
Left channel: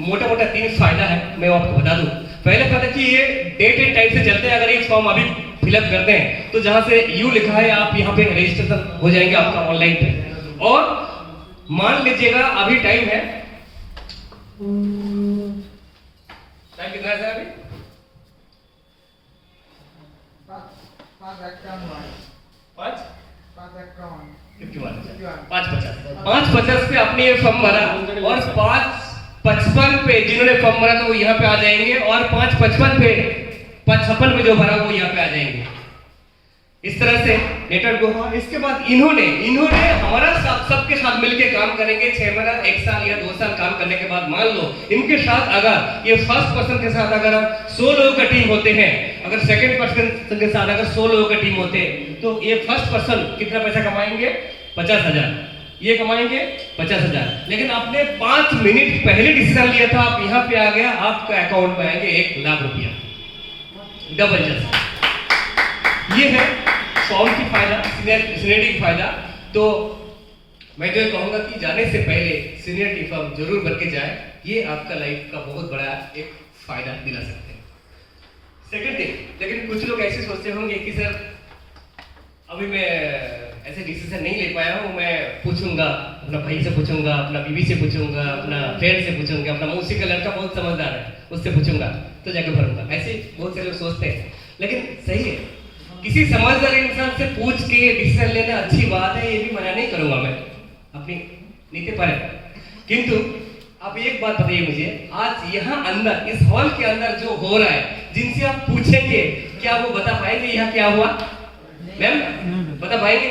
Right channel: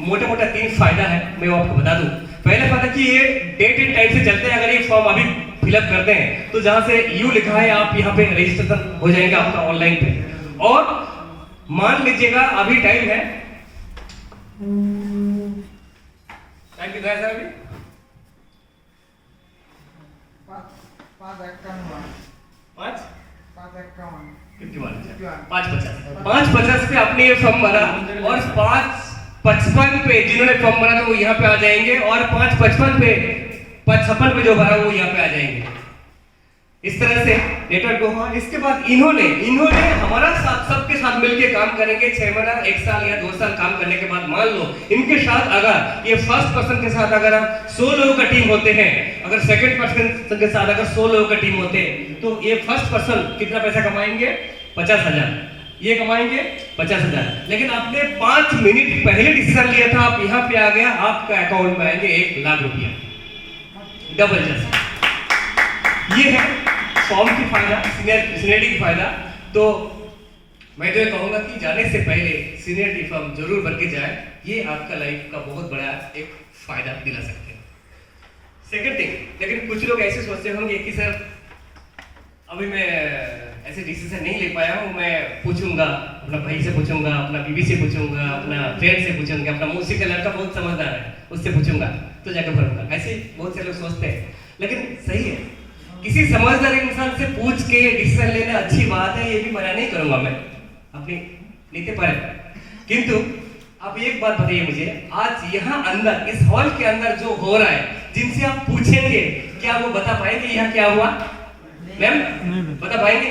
मोटा मोटा 3 फायदा है, मैं वो आपको बता दूं। पहला फायदा कि ये डेट एंड टाइम से चलते हैं। अगर ये फॉर्म अभी फिलअप करते हैं तो जहां से यू लिखा है आप यहाँ पे रजिस्ट्रेशन हो जाएंगे आपका ऑनलाइन पे। और मान लीजिएगा अभी टाइम है, टाइम कितना है सर? अभी 5 550 पे आपने ये फॉर्म भरा और 555 पे जिन्होंने फॉर्म भरा तो वो यहाँ पे आ जाएंगे और 555 पे 55 पे जो भरा वो यहाँ पे आ जाएंगे। इस तरह से नेटवर्क हुआ। इसके बाद इन्होंने हमारा साथ सबके साथ मिलकर काम करेंगे 6 महीना 1 साल या 2 साल काम करने के बाद मान लो इनके साथ अगर ये फर्स्ट पर्सन के साथ अगर 100 लोगों का टीम होते हैं, अगर सेकंड पर्सन के साथ अगर 100 लोगों का टीम होते हैं तो ये फर्स्ट पर्सन कितना पैसा कमाएंगे? 50,000। ये कमाएंगे 50,000। लेकिन आपने 5 मिनट पहले डिसीजन लिया था, आप यहाँ पे आ गया, आपका अकाउंट में आएंगे 1 लाख रुपया, डबल जस्ट। ये है फॉर्म की फायदा, सीनियरिटी की फायदा। तो मैं तो ये कहूंगा कि जाने से पहले सीनियरिटी फॉर्म जरूर भर के जाए, ये आपका लाइफ का बहुत बड़ा एक फायदा दिला सकते हैं। सेकंड थिंग, लेकिन कुछ लोग ऐसे सोचते होंगे कि सर अभी मैं ऐसे डिसीजन नहीं ले पाया हूँ, मैं पूछूंगा, अपना भाई से पूछूंगा, अपना बीवी से पूछूंगा, अपना फ्रेंड से पूछूंगा, अपना मौसी का लड़का बहुत समझदार है उससे पूछूंगा तो जाके भरूंगा। ऐसे बहुत से लोग सोचते हैं, लेकिन सही है, किसी समझदार इंसान से पूछ के डिसीजन लेना अच्छी बात है, ये भी मना नहीं करूंगा मैं अपनी नीति पर। किंतु आप एक बात बताइए मुझे, आज यहाँ अंदर इस हॉल के अंदर जो हो रहा है, जिनसे आप पूछेंगे क्या वो बता पाएंगे यहाँ क्या हुआ? मैम बता पाएंगे?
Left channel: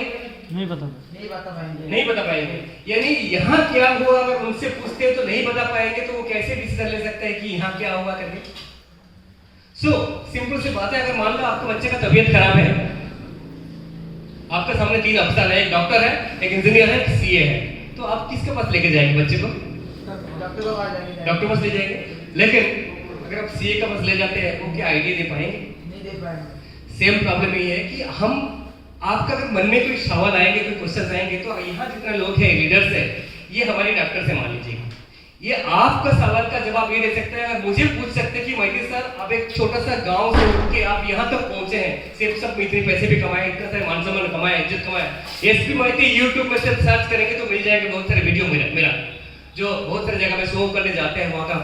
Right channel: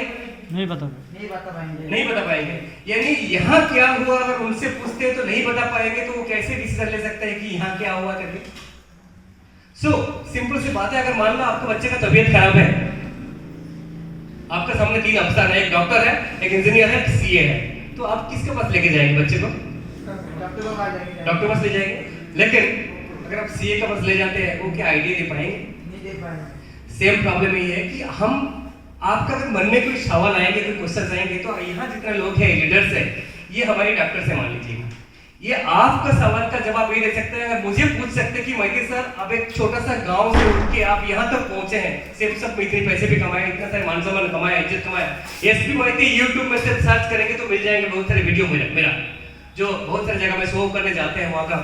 नहीं बता पाएंगे। यानी यहाँ क्या हुआ अगर उनसे पूछते हैं तो नहीं बता पाएंगे, तो वो कैसे डिसीजन ले सकते हैं कि यहाँ क्या हुआ करके? सिंपल सी बात है, अगर मान लो आपके बच्चे का तबीयत खराब है, आपके सामने 3 अफसर है, एक डॉक्टर है, एक इंजीनियर है, एक सीए है, तो आप किसके पास लेके जाएंगे बच्चे को? डॉक्टर पास ले जाएंगे। लेकिन अगर आप सीए का पास ले जाते हैं, वो क्या आइडिया दे पाएंगे? नहीं दे पाएंगे। सेम प्रॉब्लम ये है कि हम आपका अगर मन में कोई सवाल आएंगे, कोई क्वेश्चन आएंगे, तो यहाँ जितने लोग हैं, लीडर्स है, ये हमारे डॉक्टर से मान लीजिएगा, ये आपका सवाल का जवाब ये दे सकते हैं। अगर मुझे पूछ सकते हैं कि मैती सर आप एक छोटा सा गांव से उठ के आप यहाँ तक पहुंचे हैं, सिर्फ सब इतने पैसे भी कमाए, इतना सारे मान सम्मान कमाया, इज्जत कमाया, एसपी मैती यूट्यूब में सिर्फ सर्च करेंगे तो मिल जाएंगे बहुत सारे वीडियो मेरा जो बहुत सारी जगह में शो करने जाते हैं, वहाँ का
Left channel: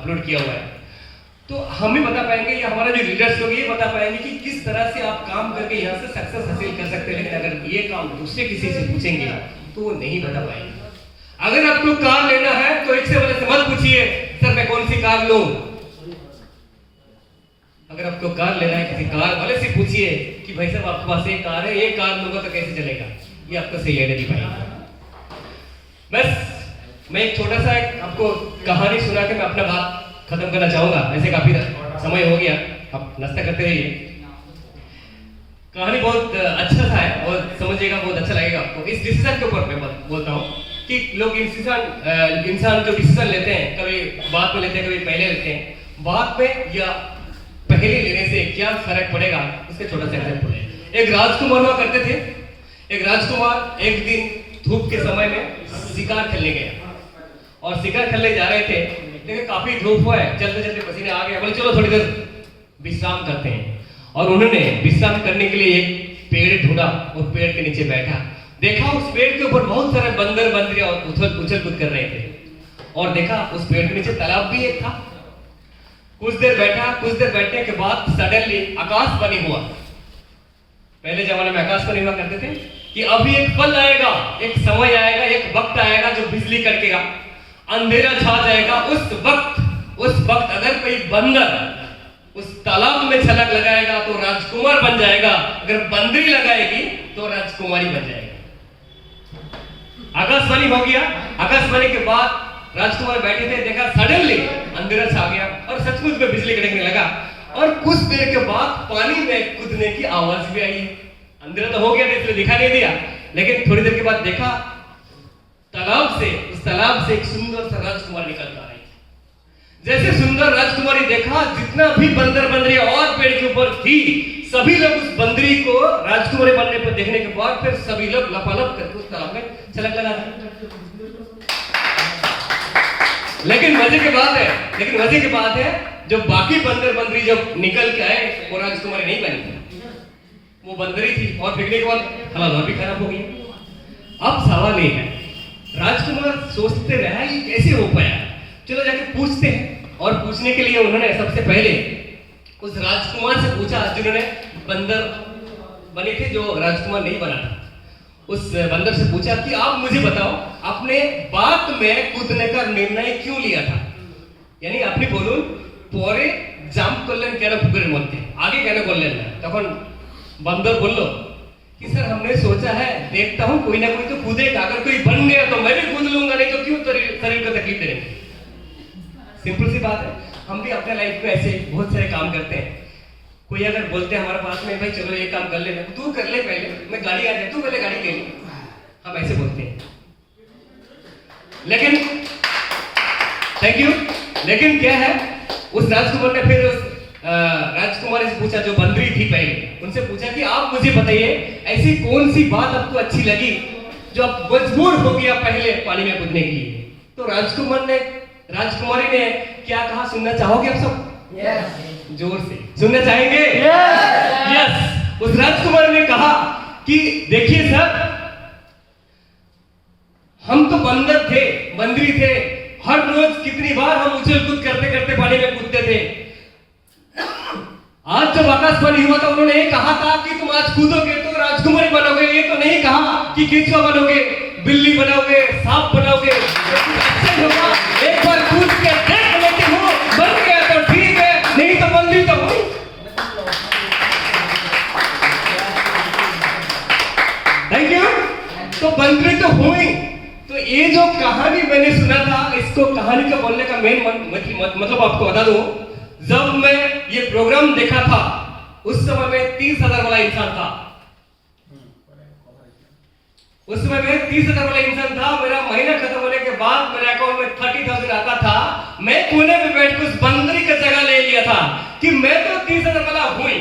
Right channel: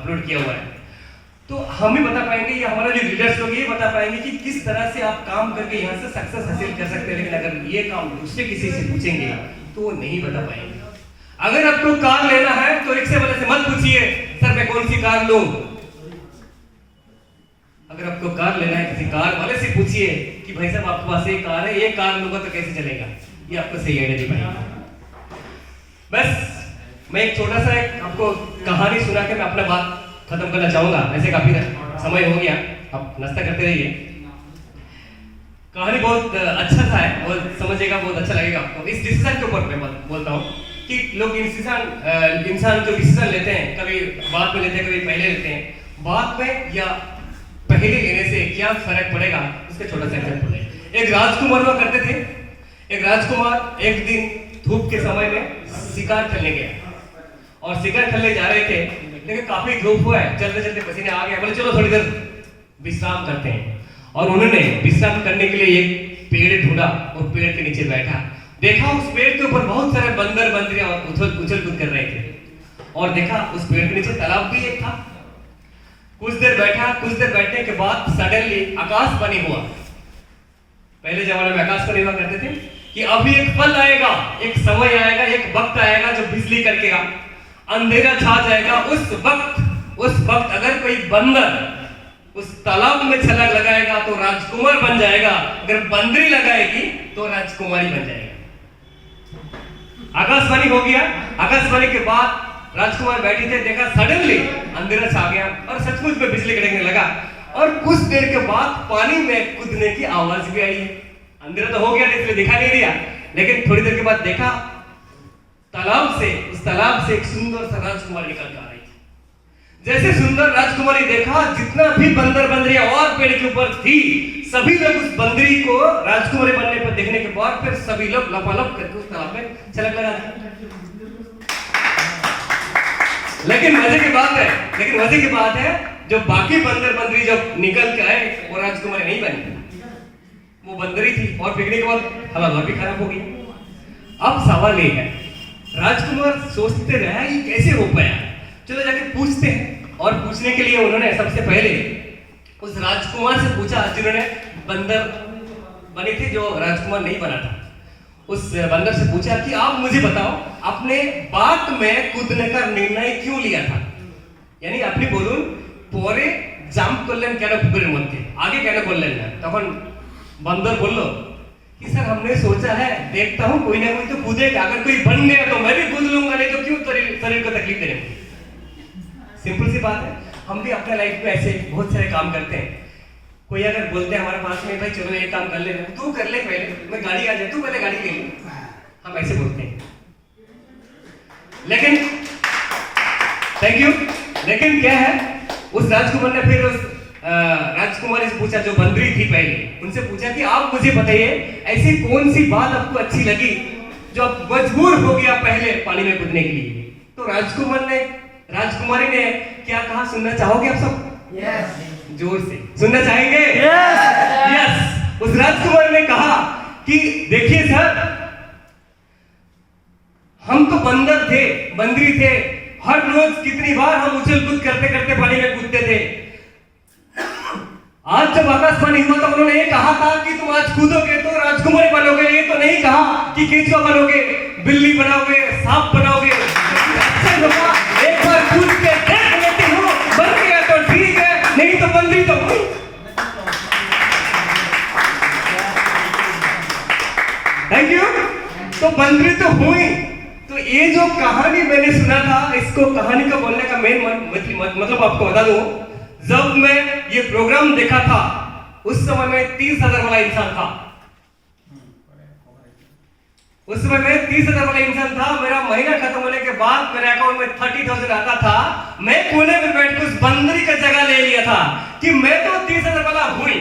अपलोड किया हुआ है। तो हम ही बता पाएंगे या हमारा जो लीडर्स लोग ये बता पाएंगे कि किस तरह से आप काम करके यहाँ से सक्सेस हासिल कर सकते हैं। लेकिन अगर ये काम दूसरे किसी से पूछेंगे तो वो नहीं बता पाएंगे। अगर आपको कार लेना है तो एक से वाले से मत पूछिए सर मैं कौन सी कार लूं। अगर आपको कार लेना है किसी कार वाले से पूछिए कि भाई साहब आपके पास एक कार है, ये कार लूंगा तो कैसे चलेगा, ये आपको सही आइडिया नहीं पाएगा। बस मैं एक छोटा सा आपको कहानी सुना के मैं अपना बात खत्म करना चाहूंगा। वैसे काफी समय हो गया, आप नाश्ता करते रहिए। कहानी बहुत अच्छा सा है और समझिएगा, बहुत अच्छा लगेगा आपको। इस डिसीजन के ऊपर मैं बोलता हूँ कि लोग इंसान जो डिसीजन लेते हैं, कभी बाद में लेते हैं, कभी पहले लेते हैं। बाद में या पहले लेने से क्या फर्क पड़ेगा, इसका छोटा सा एग्जांपल है। एक राजकुमार हुआ करते थे। एक राजकुमार एक दिन धूप के समय में शिकार खेलने गया और शिकार खेलने जा रहे थे, लेकिन काफी धूप हुआ है, चलते चलते पसीने आ गए। बोले चलो थोड़ी देर विश्राम करते हैं। और उन्होंने विश्राम करने के लिए एक पेड़ ढूंढा और पेड़ के नीचे बैठा। देखा उस पेड़ के ऊपर बहुत सारे बंदर बंदरियां उछल कूद कर रहे थे और देखा उस पेड़ के नीचे तालाब भी एक था। कुछ देर बैठा, कुछ देर बैठने के बाद सडनली आकाशवाणी हुआ। पहले जमाने में आकाशवाणी हुआ करते थे कि अभी एक पल आएगा, एक समय आएगा, एक वक्त आएगा जो बिजली कड़केगा, अंधेरा छा जाएगा। उस वक्त अगर कोई बंदर उस तालाब में छलांग लगाएगा तो राजकुमार बन जाएगा, अगर बंदरी लगाएगी तो राजकुमारी बन जाएगा। आकाशवाणी हो गया। आकाशवाणी के बाद राजकुमार बैठे थे, देखा सडनली अंधेरा छा गया और सचमुच में बिजली कड़कने लगा। और कुछ देर के बाद पानी में कूदने की आवाज भी आई। अंधेरा तो हो गया, इसलिए दिखाई नहीं दिया, लेकिन थोड़ी देर के बाद देखा उस तालाब से एक सुंदर सा राजकुमार निकल कर आ रही थी। जैसे सुंदर राजकुमारी देखा, जितना भी बंदर बंदरियां और पेड़ के ऊपर थी, सभी लोग उस बंदरी को राजकुमारी बनने पर देखने के बाद फिर सभी लोग लपालप करके उस तालाब में छलांग लगा दी। लेकिन मजे की बात है जो बाकी बंदर बंदरी जब निकल के आए वो राजकुमारी नहीं बनी, वो बंदरी थी। और बिकने के बाद हालात भी खराब हो गई। अब सवाल ये है, राजकुमार सोचते रहे कि कैसे हो पाया, चलो जाके पूछते हैं। और पूछने के लिए उन्होंने सबसे पहले उस राजकुमार से पूछा जिन्होंने बंदर बनी थी जो राजकुमार नहीं बना था। उस बंदर से पूछा कि आप मुझे बताओ आपने बात में कूदने का निर्णय क्यों लिया था, यानी আপনি বলুন পরে জাম্প করলেন কেন পুকুরের মধ্যে, আগে কেন করলেন না। তখন बंदर बोलो कि सर हमने सोचा है देखता हूँ कोई ना कोई तो कूदेगा, अगर कोई बन गया तो मैं भी कूद लूंगा, नहीं तो क्यों शरीर को तकलीफ देंगे। सिंपल सी बात है, हम भी अपने लाइफ में ऐसे बहुत सारे काम करते हैं। कोई अगर बोलते हैं हमारे पास में भाई चलो ये काम कर ले, तू कर ले पहले, मैं गाड़ी आ जाए, तू पहले गाड़ी ले ले, हम ऐसे बोलते हैं। लेकिन थैंक यू, लेकिन क्या है उस राजकुमार ने फिर उस राजकुमारी से पूछा जो बंदरी थी पहले, उनसे पूछा कि आप मुझे बताइए ऐसी कौन सी बात आपको अच्छी लगी जो आप मजबूर हो गया पहले पानी में कूदने के लिए। तो राजकुमारी ने क्या कहा, सुनना चाहोगे आप सब? यस। जोर से सुनना चाहेंगे? यस। उस राजकुमारी ने कहा कि देखिए सर, हम तो बंदर थे, बंदरी थे, हर रोज कितनी बार हम उछल कूद करते करते पानी में कूदते थे। आज जब आकाशवाणी हुआ था उन्होंने ये कहा था कि तुम आज कूदोगे तो राजकुमारी बनोगे, ये तो नहीं कहा कि केंचुआ बनोगे, बिल्ली बनोगे, सांप बनोगे। एक बार कूद के देख लेती हूँ, बन गया तो ठीक है, नहीं तो बंदरी तो हुई। Thank you. तो बंदरी तो हुई। तो ये जो कहानी मैंने सुना था, इसको कहानी को बोलने का मेन मतलब आपको बता दूं, जब मैं ये प्रोग्राम देखा था उस समय मैं 30,000 वाला इंसान था। उस समय मैं 30,000 वाला इंसान था। मेरा महीना खत्म होने के बाद मेरे अकाउंट में 30,000 आता था। मैं कोने में बैठ कर उस बंदरी का जगह ले लिया था कि मैं तो 30,000 वाला हुई,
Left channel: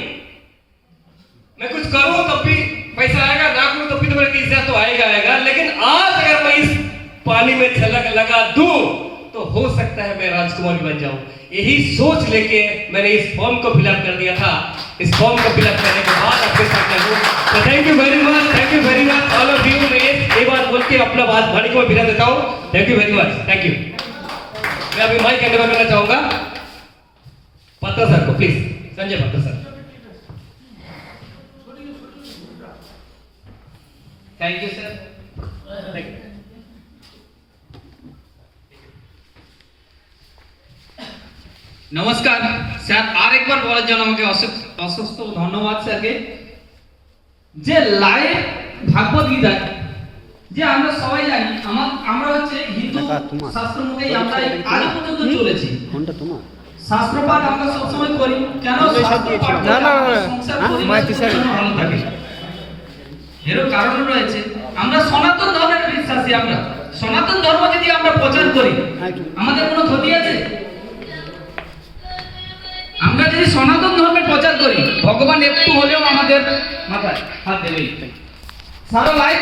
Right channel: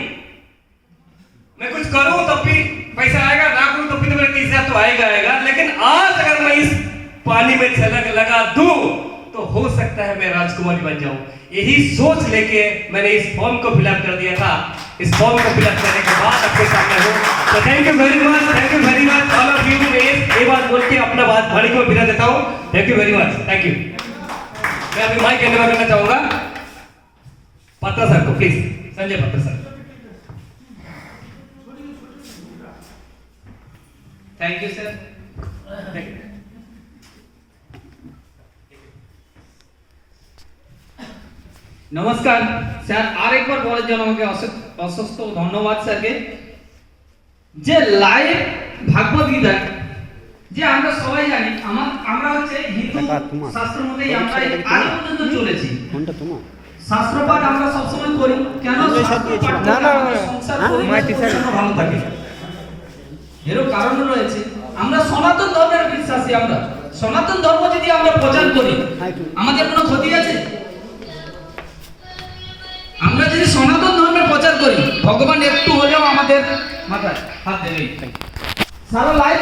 मैं कुछ करूं तब भी पैसा आएगा, ना करूं तब भी तो मेरे 30,000 तो आएगा। लेकिन आज अगर मैं इस पानी में छलक लगा दूं तो हो सकता है मैं राजकुमारी बन जाऊं। यही सोच लेके मैंने इस फॉर्म को फिलअप कर दिया था। इस फॉर्म को फिलअप करने के बाद आपके सामने हूं। तो thank you very much all of you. मैं ये बात बोल के अपना बात भाड़ी को विदा देता हूं। Thank you very much, thank you. मैं अभी माइक हैंड ओवर करना चाहूंगा पात्रा सर को, please Sanjay Patra sir. Thank you sir. Thank you. নমস্কার স্যার, আরেকবার বলার জন্য আমাকে অসংখ্য ধন্যবাদ স্যারকে। যে লাইভ ভাগবত গীতা যে আমরা সবাই জানি, আমরা হচ্ছে হিন্দু শাস্ত্র মতেই আমরা আজ পর্যন্ত চলেছি। কোনটা তোমার? শাস্ত্রপাঠ আমরা সবসময় করি, কেন শাস্ত্রপাঠ না, না, না, সংসার হ্যাঁ, পরিবার মাইতি স্যার। সবসময় ভালো থাকে। এরও কারণ রয়েছে, আমরা সনাতন ধর্মের বিশ্বাসী। আমরা সনাতন ধর্ম যদি আমরা প্রচার করি আমাদের কোনো ক্ষতি আছে? আমরা যদি সনাতন ধর্মের প্রচার করি ভগবান একটু হলেও আমাদের মাথায় হাত দেবে। সারা লাইফ